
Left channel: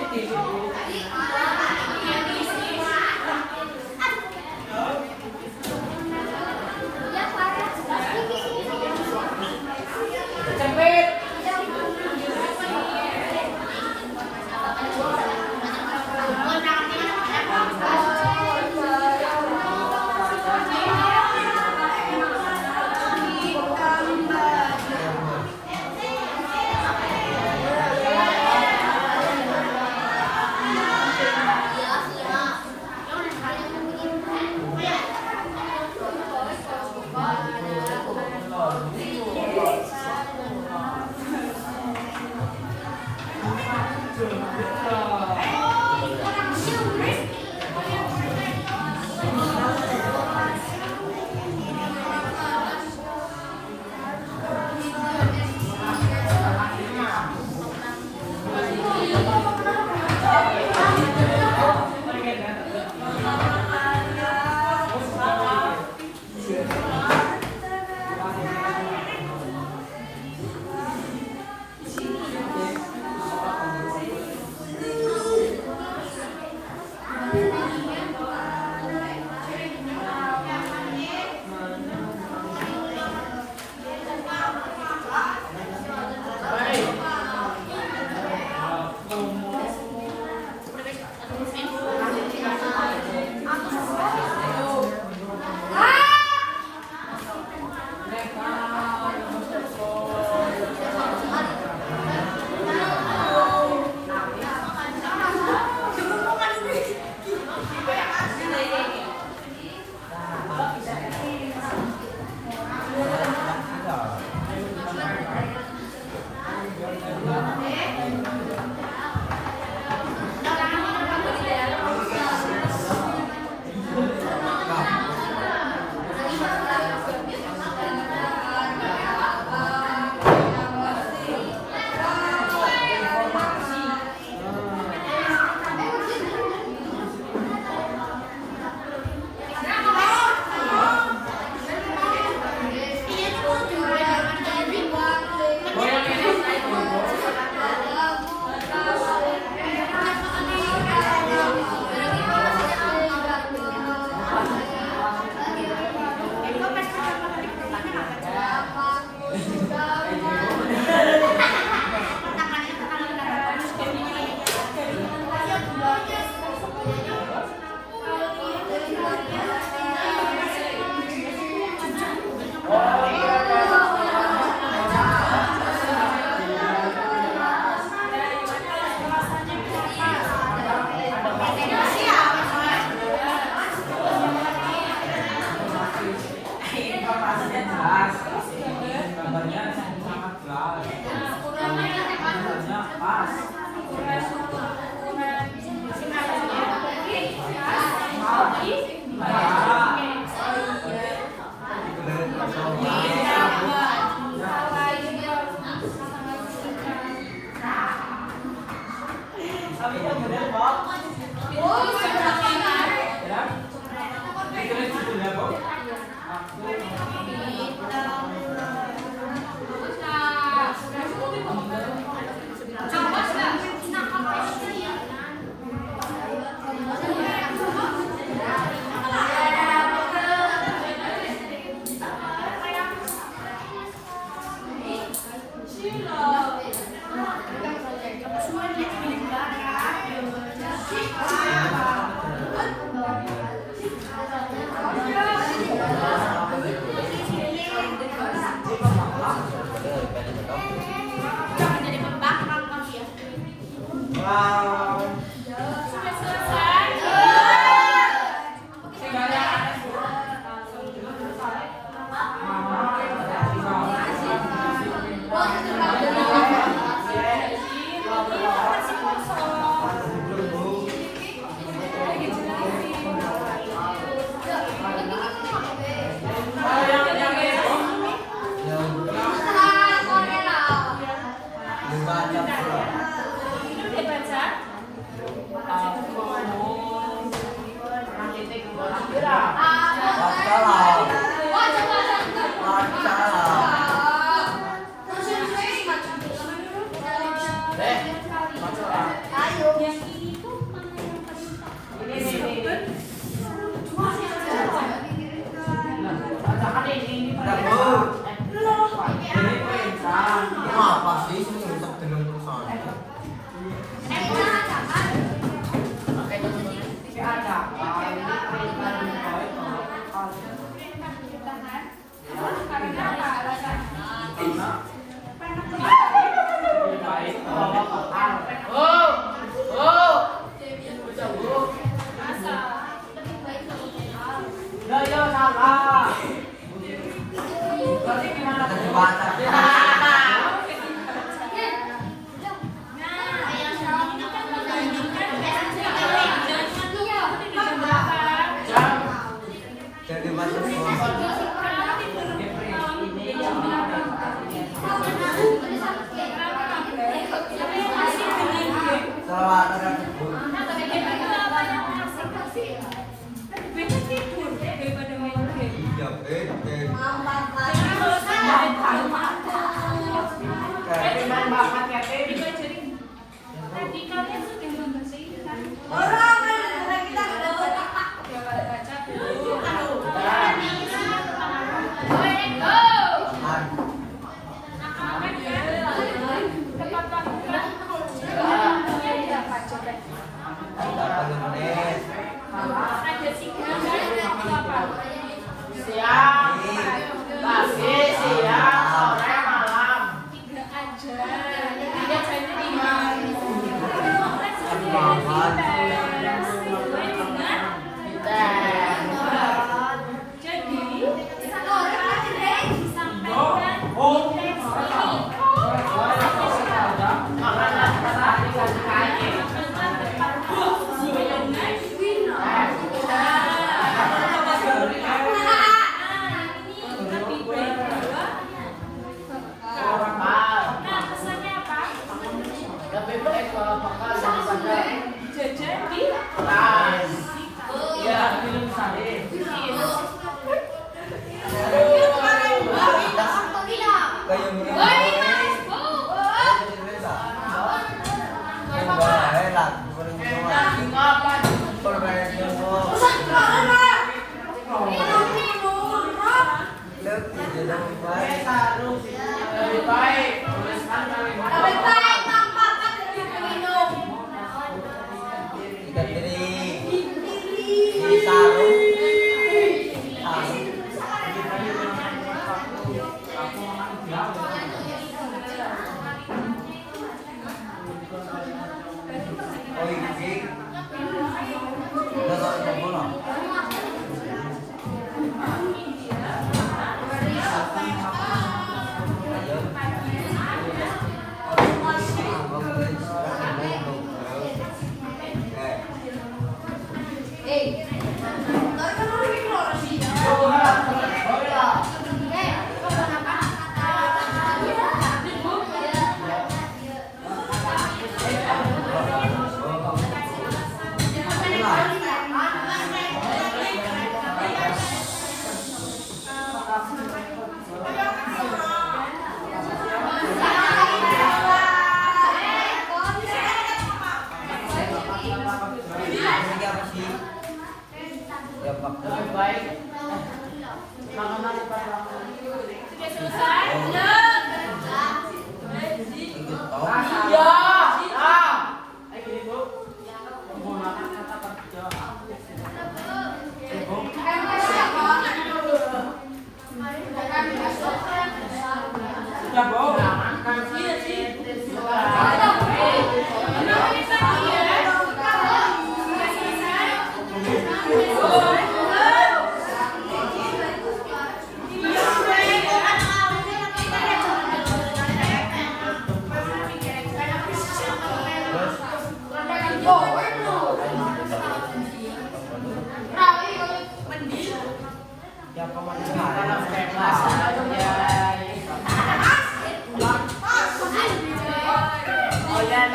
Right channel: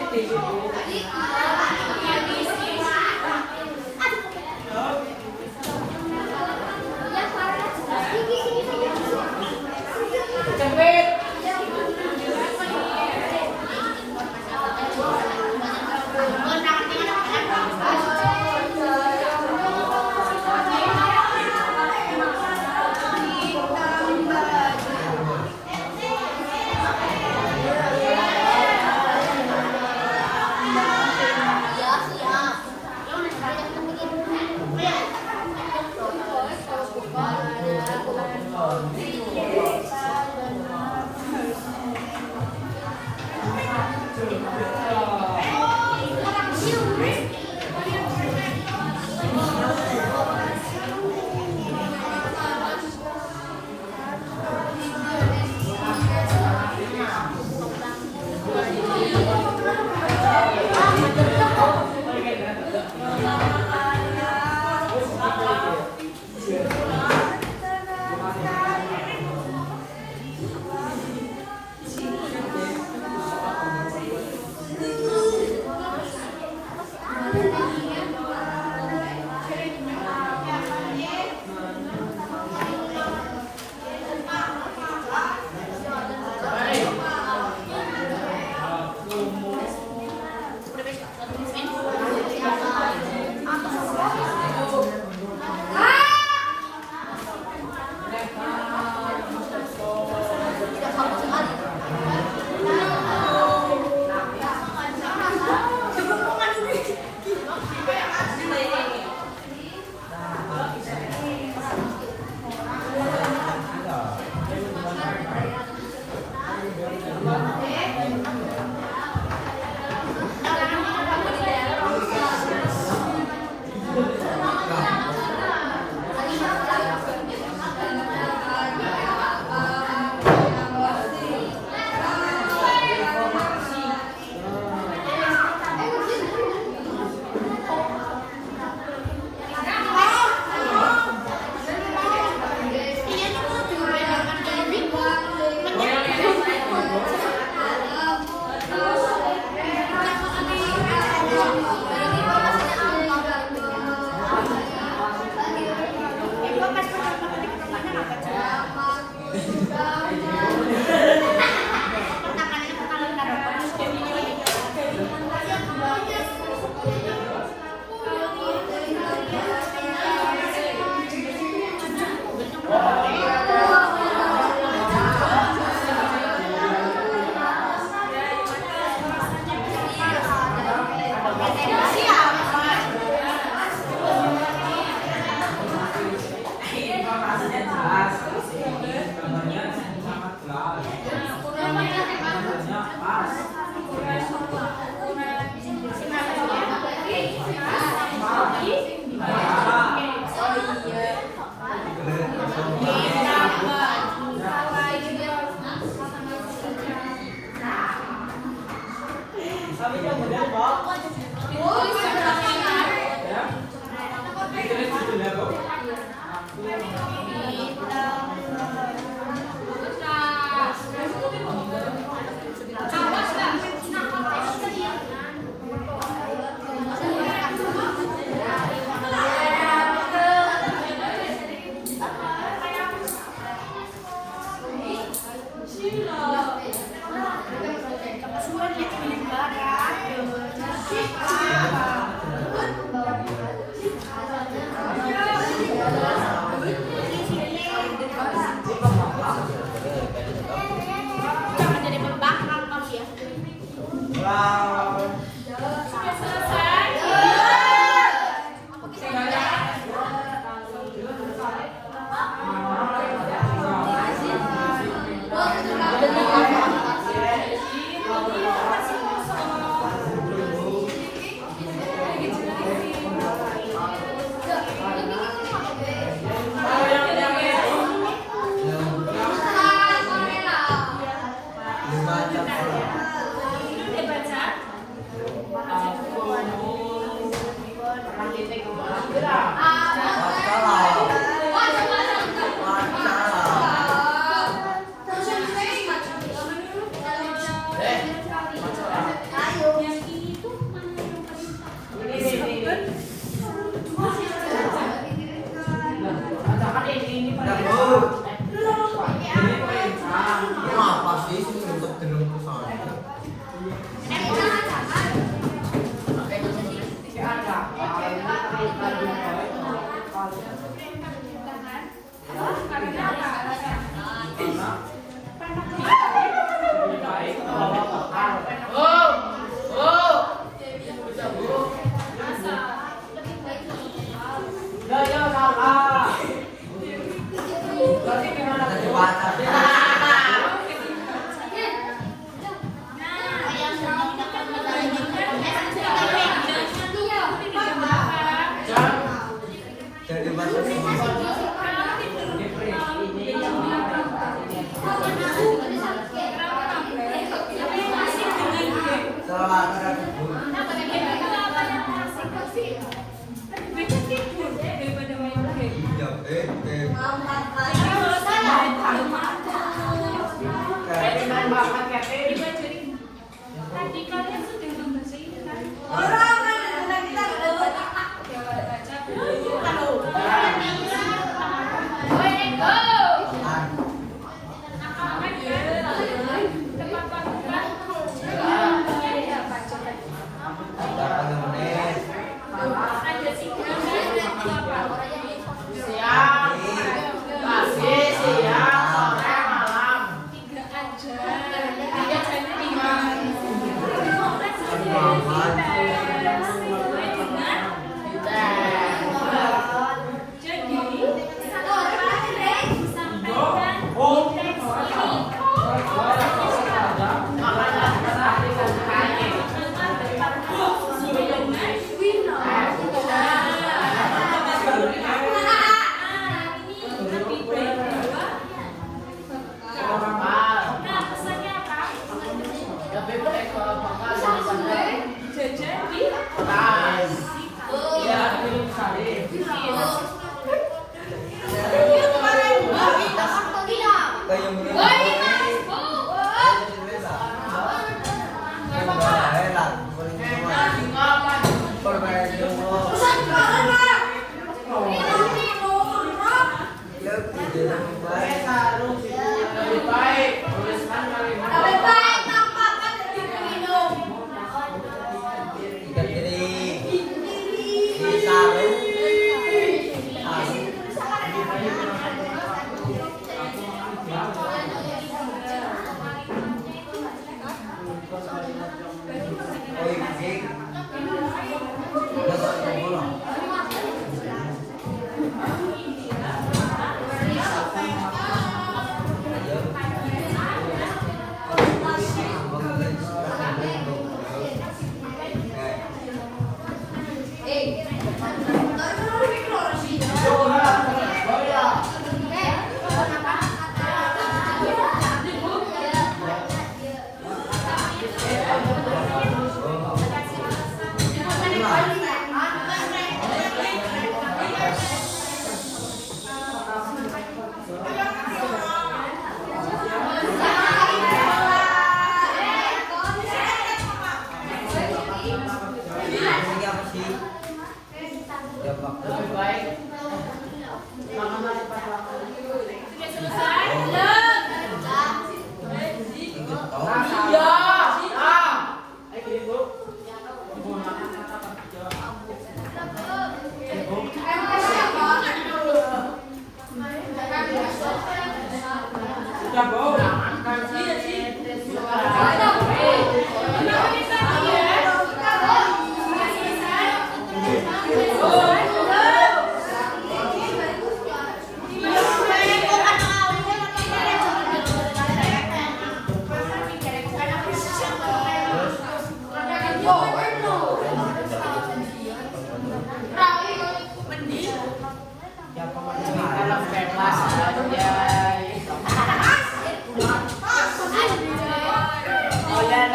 Jangan jadi pembangkang kau ya.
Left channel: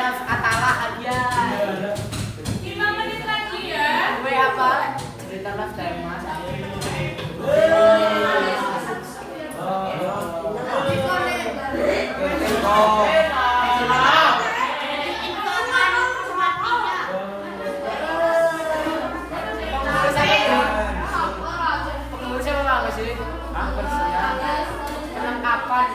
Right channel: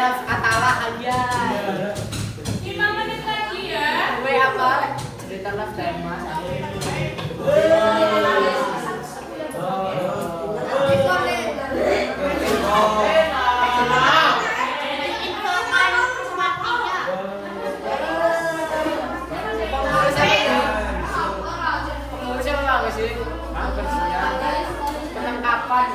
Katalah aja. 5 menit lagi ya. Gue apa? Ceritalah tema. Perlengkapan.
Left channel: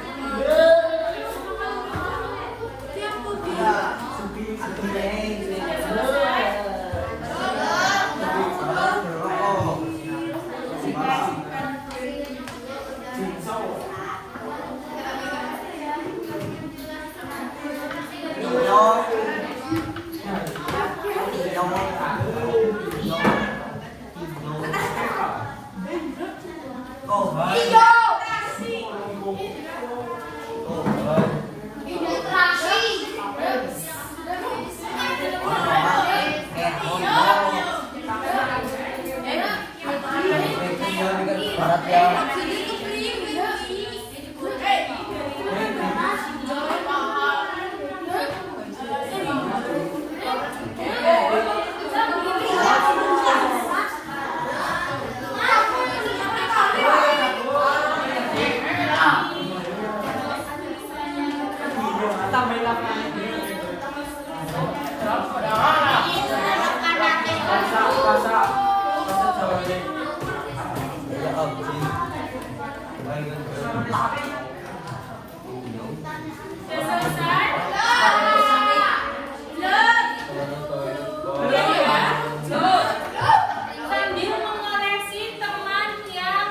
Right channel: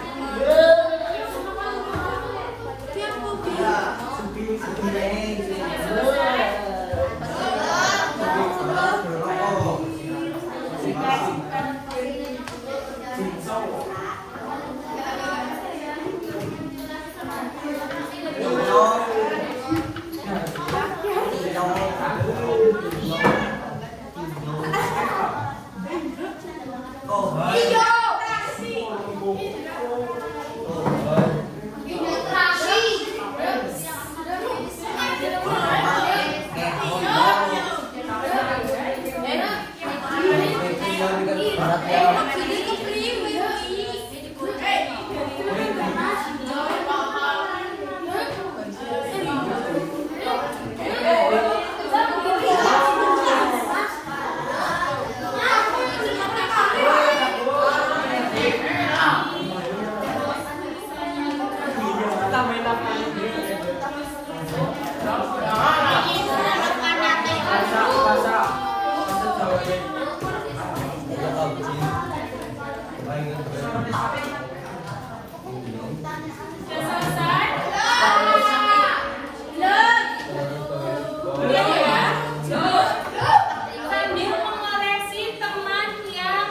Sambil mengoreksi teman yang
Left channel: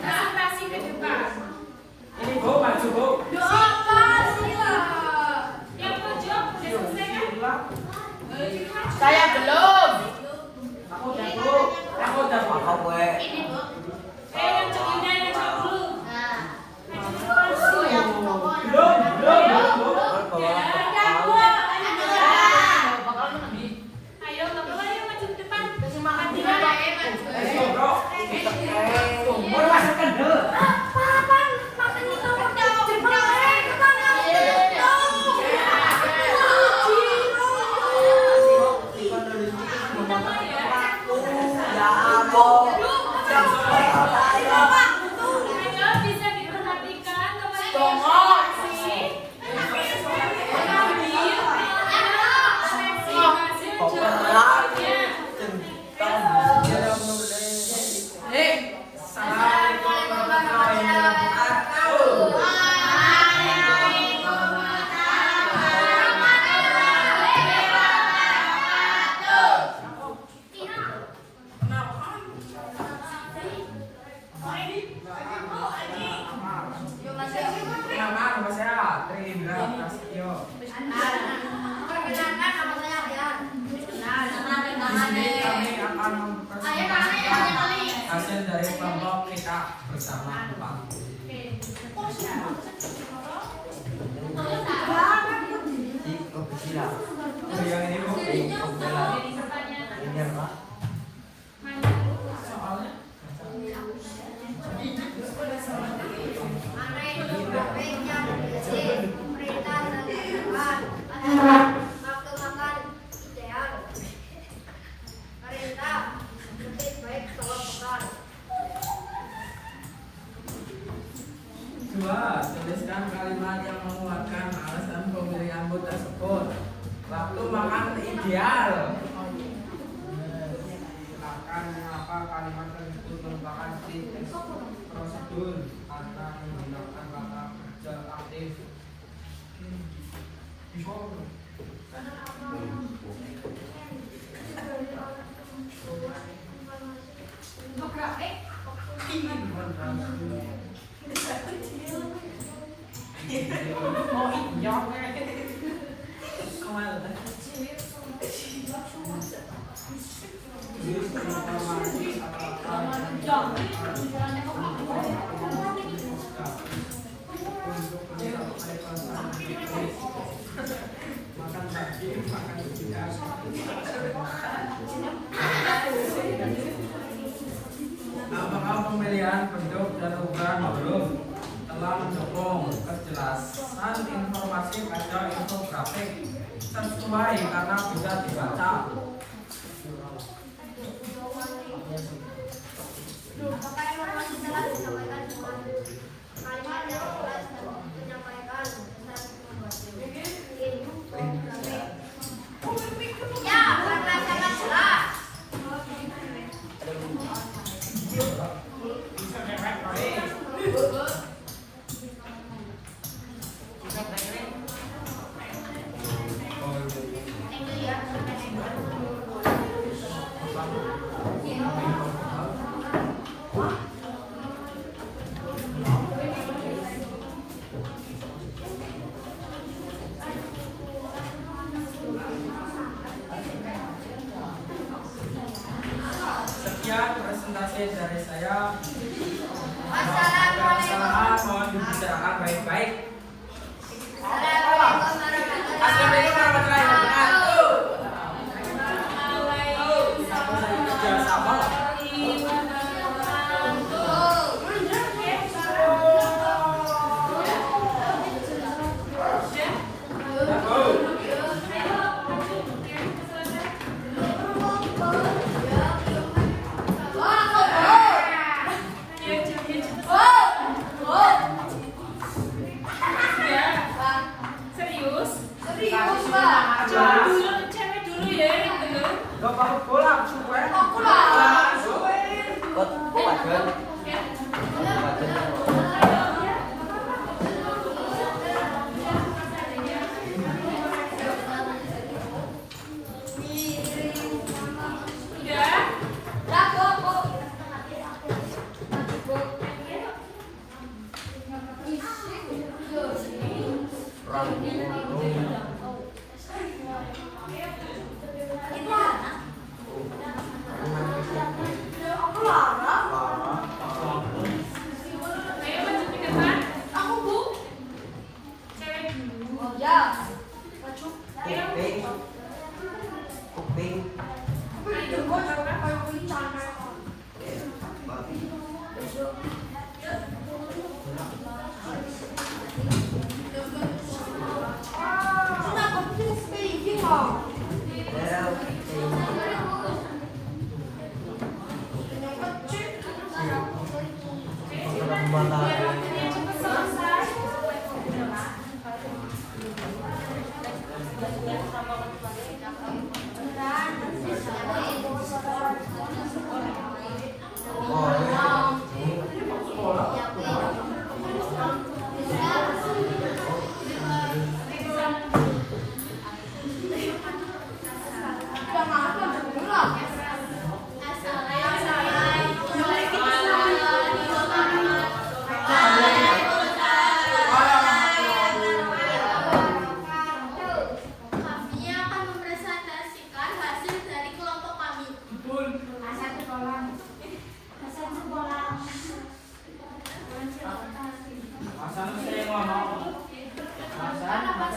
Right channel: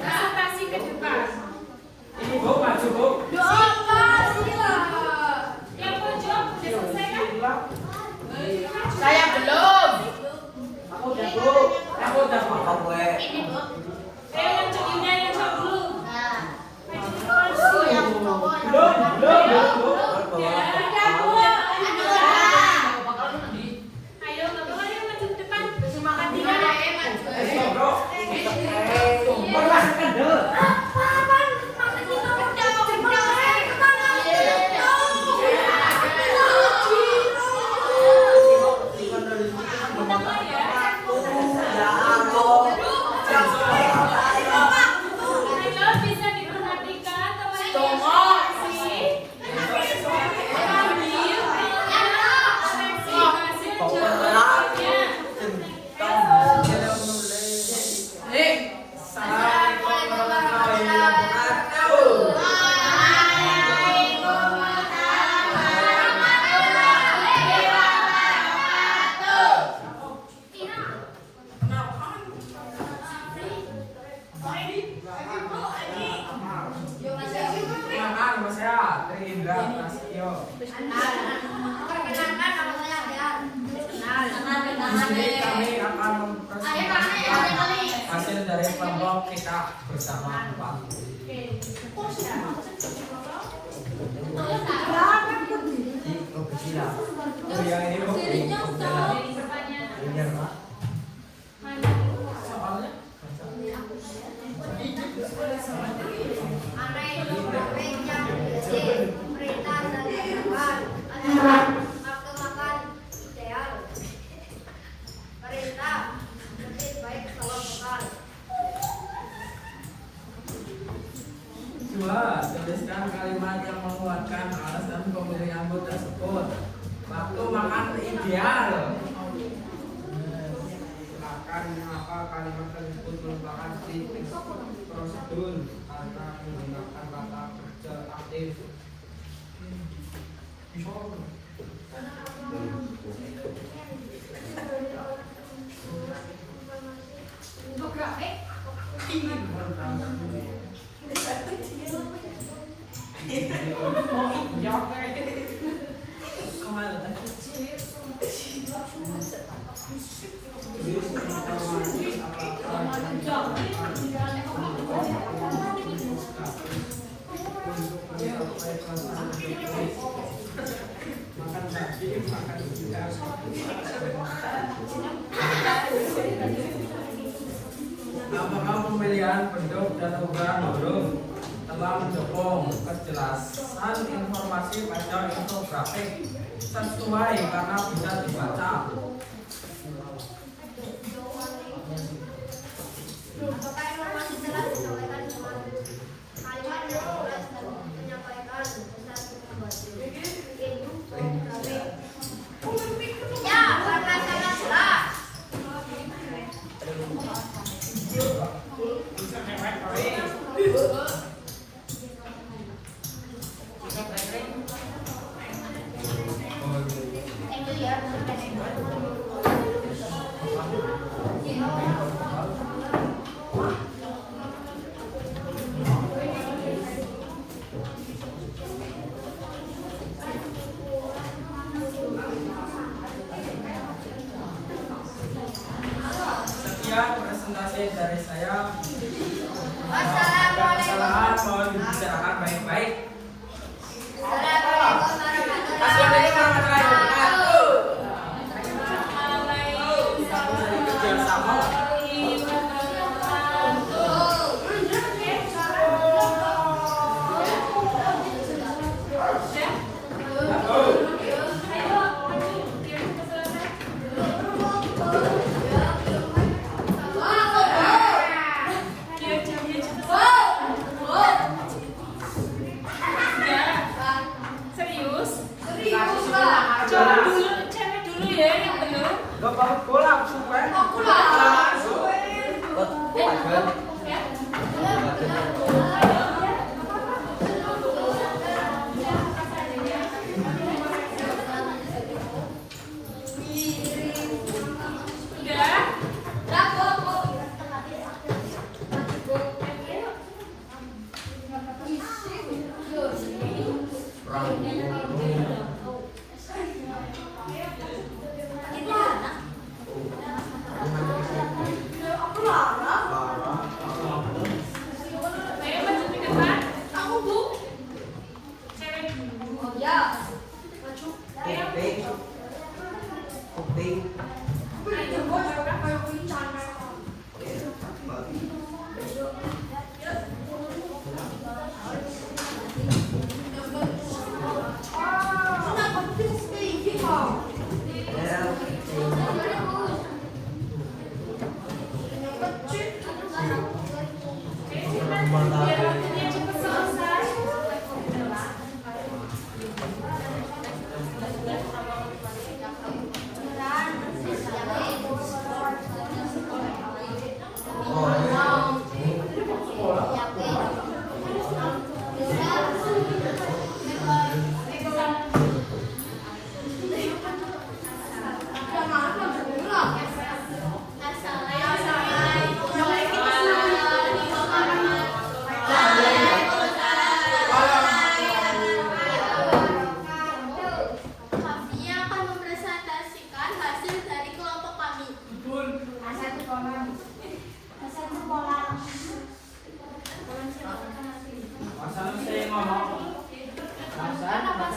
presentasi ke depan. Ini Bu, maju Bu. Yang pojok sudah selesai kan? Saya belum. Aku udah Bu. Aku udah Bu. Ini Bu. Yang cowoknya yang cowok dulu. Belum. Ya, udah Bu. Ayo, Bapak, ayo maju ke depan. Masukkan dulu. Kita mulai ya. sebagai kelompok kita bersama Pak. Yang ini Bu. Benar Pak. Soalnya Mana itu profenya perintah dan tindakan adalah nafsu makan ideal. Perintah lebih baik kalau bukan. Dua, tuliskan kalimat yang menguatkan alasan pemilihan bu tersebut. Waktu makan ideal. Silakan mengapa kalimat tersebut merupakan titik prosedur karena menggunakan kata kerja aktif. Apakah pemilihan bentuk dan ukuran huruf telah mendukung kejelasan informasi pada infografik sesuai karena bisa dibaca? Apakah informasi telah disampaikan dengan kalimat yang jelas dan menyampaikan saat infografik? Ya, karena sangat jelas. Thank you ya. Sekian presentasi dari saya. Wassalamualaikum. Mohon dibicarakan baik-baik. Assalamualaikum warahmatullahi Assalamualaikum warahmatullahi wabarakatuh. Serius? Serius. Cewek dulu ya, yang bener. Gak apa-apa pulang, super. Asal sekolah.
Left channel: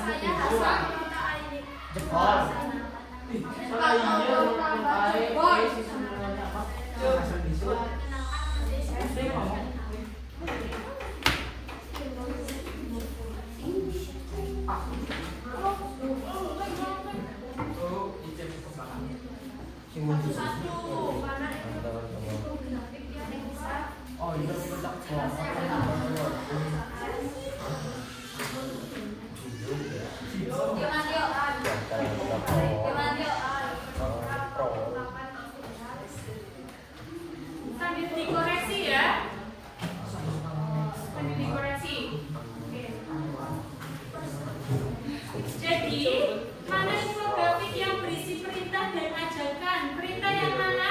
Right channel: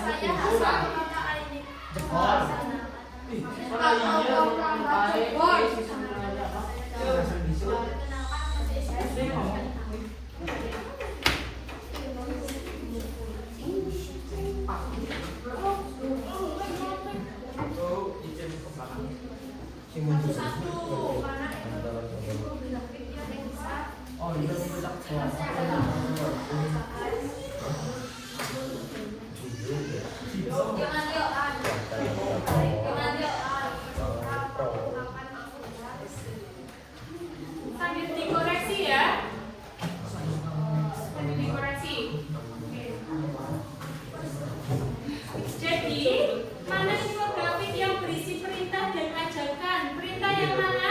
saya hafal kata ini. Sambil dikoreksi ya. Sambil dikoreksi. Oke. Jadi, mana infografik yang berisi perintah dan ajakan? Perintah yang mana?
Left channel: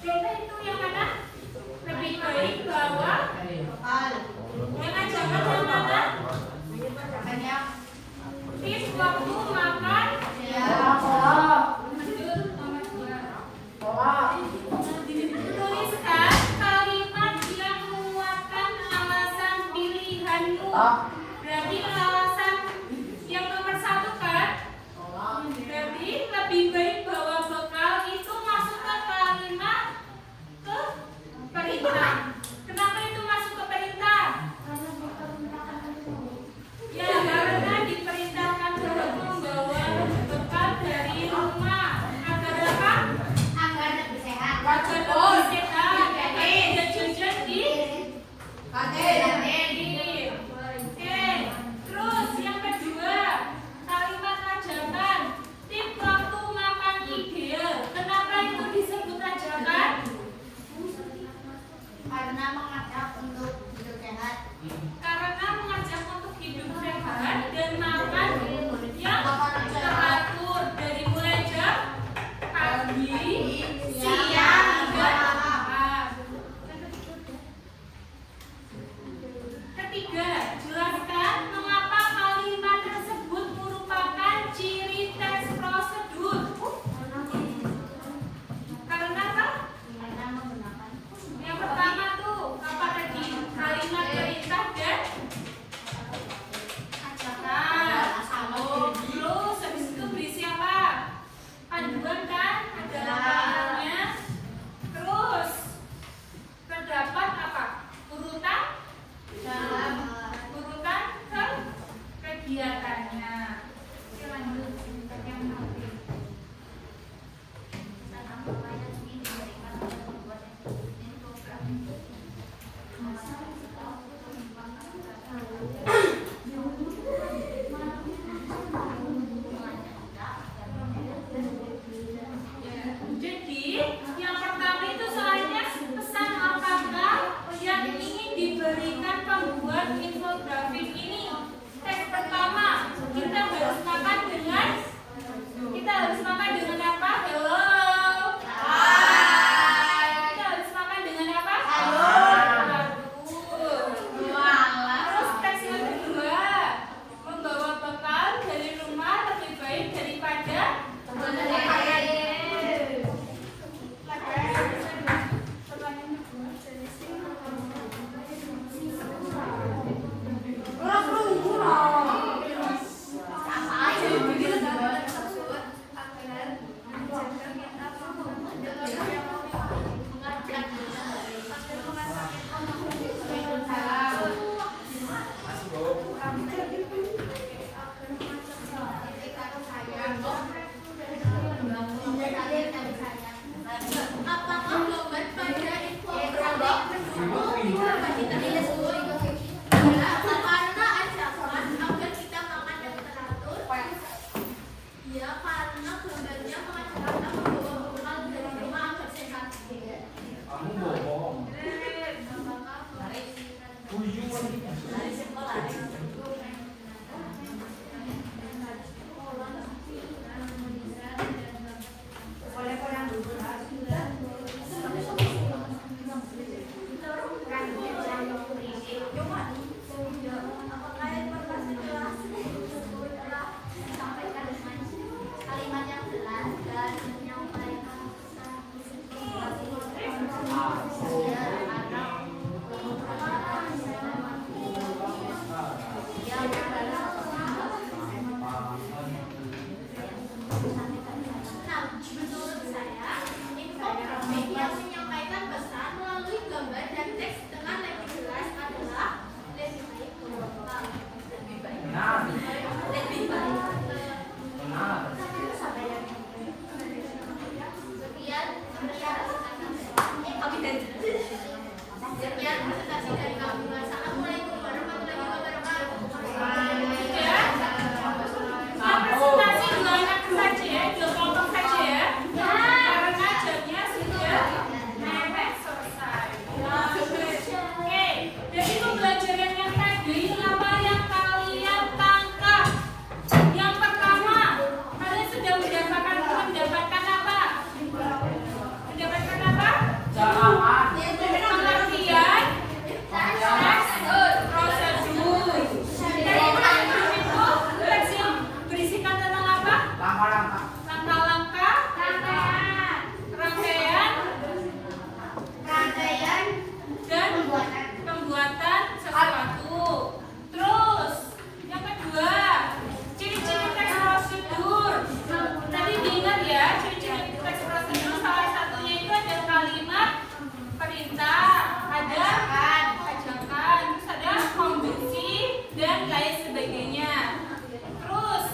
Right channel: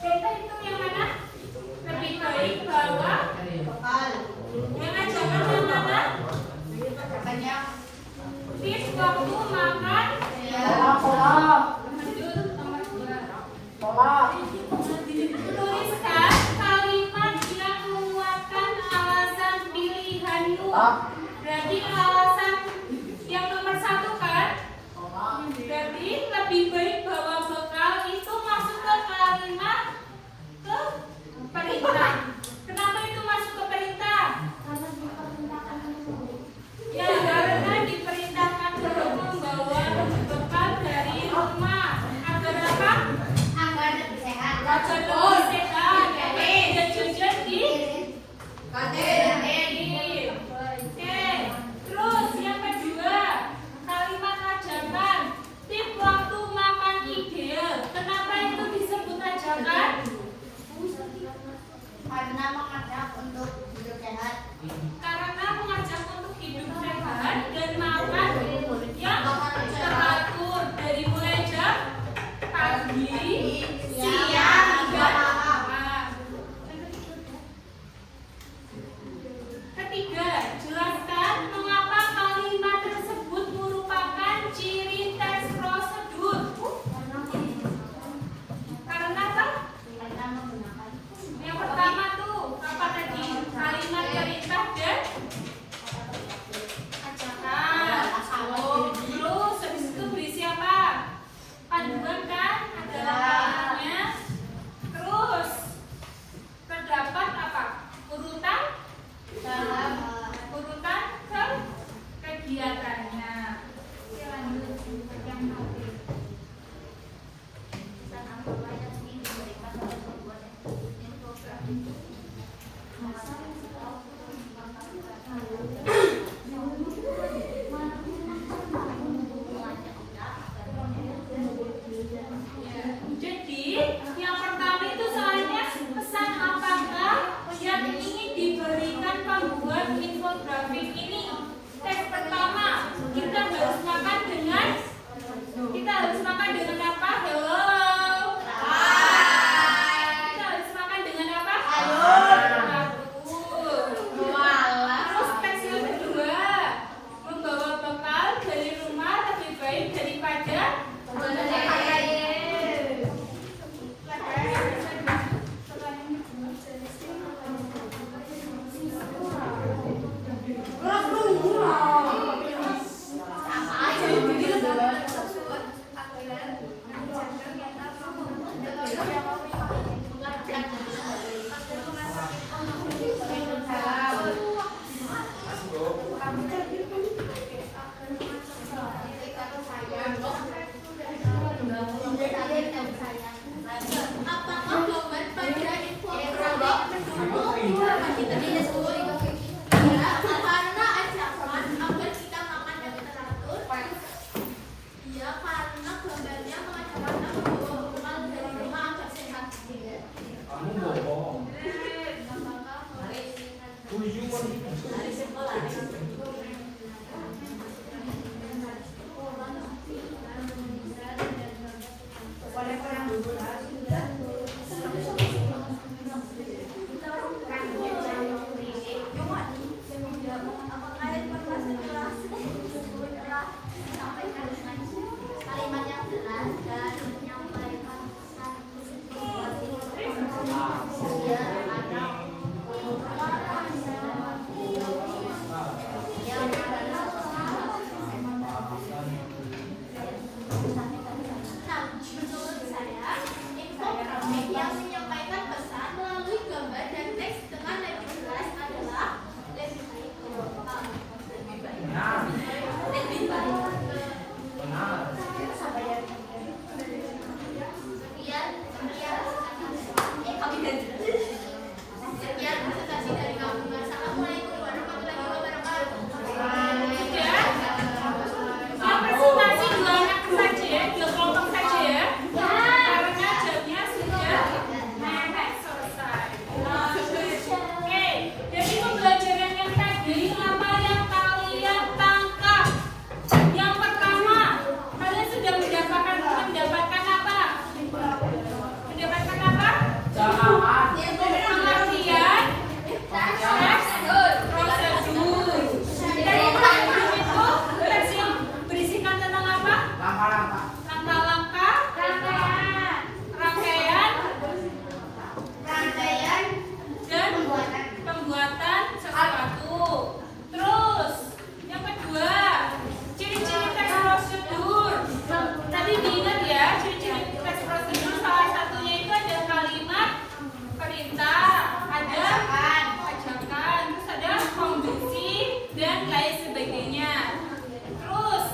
Perintah itu yang mana? Lebih baik bahwa yang ajakan yang mana? Tips waktu makan. Lanjut nomor 2. Tuliskan kalimat yang menguatkan alasan pilihanmu. Berarti alasan yang nomor 1 kan? Berarti lebih baik bawa bekal itu masukkan kalimat ke perintah. Kenapa itu masuk ke perintah? Ya karena diperintahkan untuk membawa yang menyampaikan pesan melalui gambar dan teks dengan lebih jelas adalah lebih baik. Benar. Lebih baik. Benar. Sekian presentasi dari kami. Assalamualaikum warahmatullahi wabarakatuh. Ya. Yang presentasi dua anak saja ya, dua kelompok saja ya. Karena jamnya sudah mepet selesai. Oke, jadi pembelajaran yang tadi apa yang kalian tangkap? Yang pertama, kalian sudah mendapatkan apa? Mendapatkan apa? Pengertian teks prosedur. Teks prosedur itu teks yang berisikan tentang apa? Langkah-langkah, rangkaian, dan pembuatan sesuatu. Terus, yang kedua, ciri-ciri teks prosedur. Tadi diingat ya, ciri-ciri teks prosedur salah satunya itu ada kalimat perintah, ada ajakan, terus ada konduksi dan lain sebagainya. Terus,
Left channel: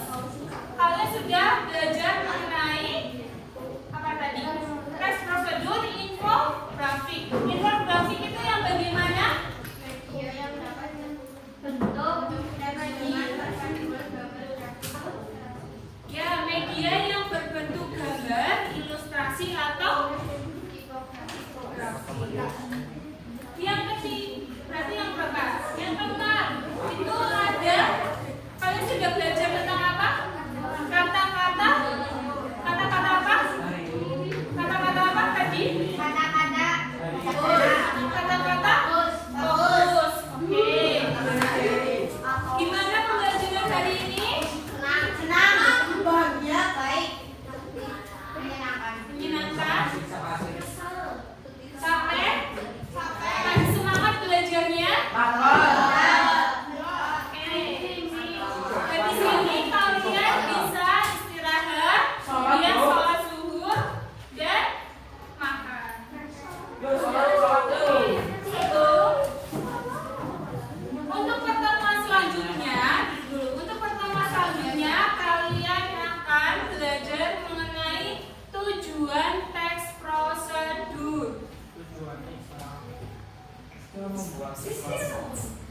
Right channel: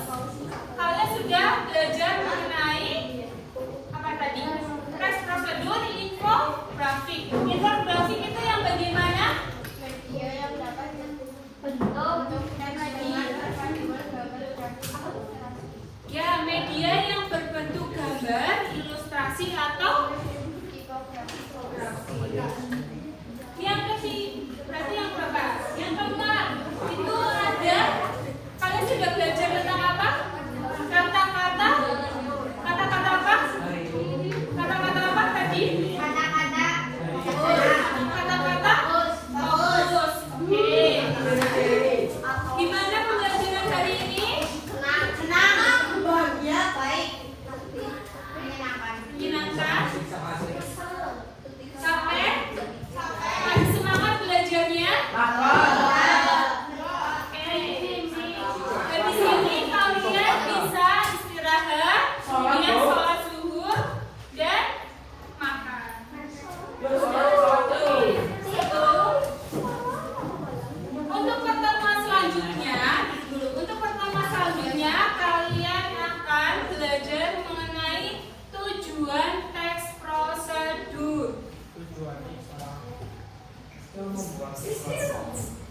kalian sudah belajar mengenai apa tadi? Teks prosedur, infografik. Infografik itu yang bagaimana? Media yang dapat bentuk dan Ya, media yang berbentuk gambar, ilustrasi atau tipografi. Yang ketiga, berarti yang berapa? Yang keempat, itu ada, kalian sudah belajar tentang apa? Kata-kata apa? Kata-kata apa tadi? Kata-kata fokus. Oke. Gimana pembelajaran hari ini? Menyenangkan? Sampai? Masih semangat belajarnya? Oke. Jadi sini kalian bisa istirahat, kemudian sholat zuhur dan makan. Untuk pertemuan selanjutnya, kalian akan belajar mengenai tujuan teks prosedur. Tujuannya itu membuat sesuatu.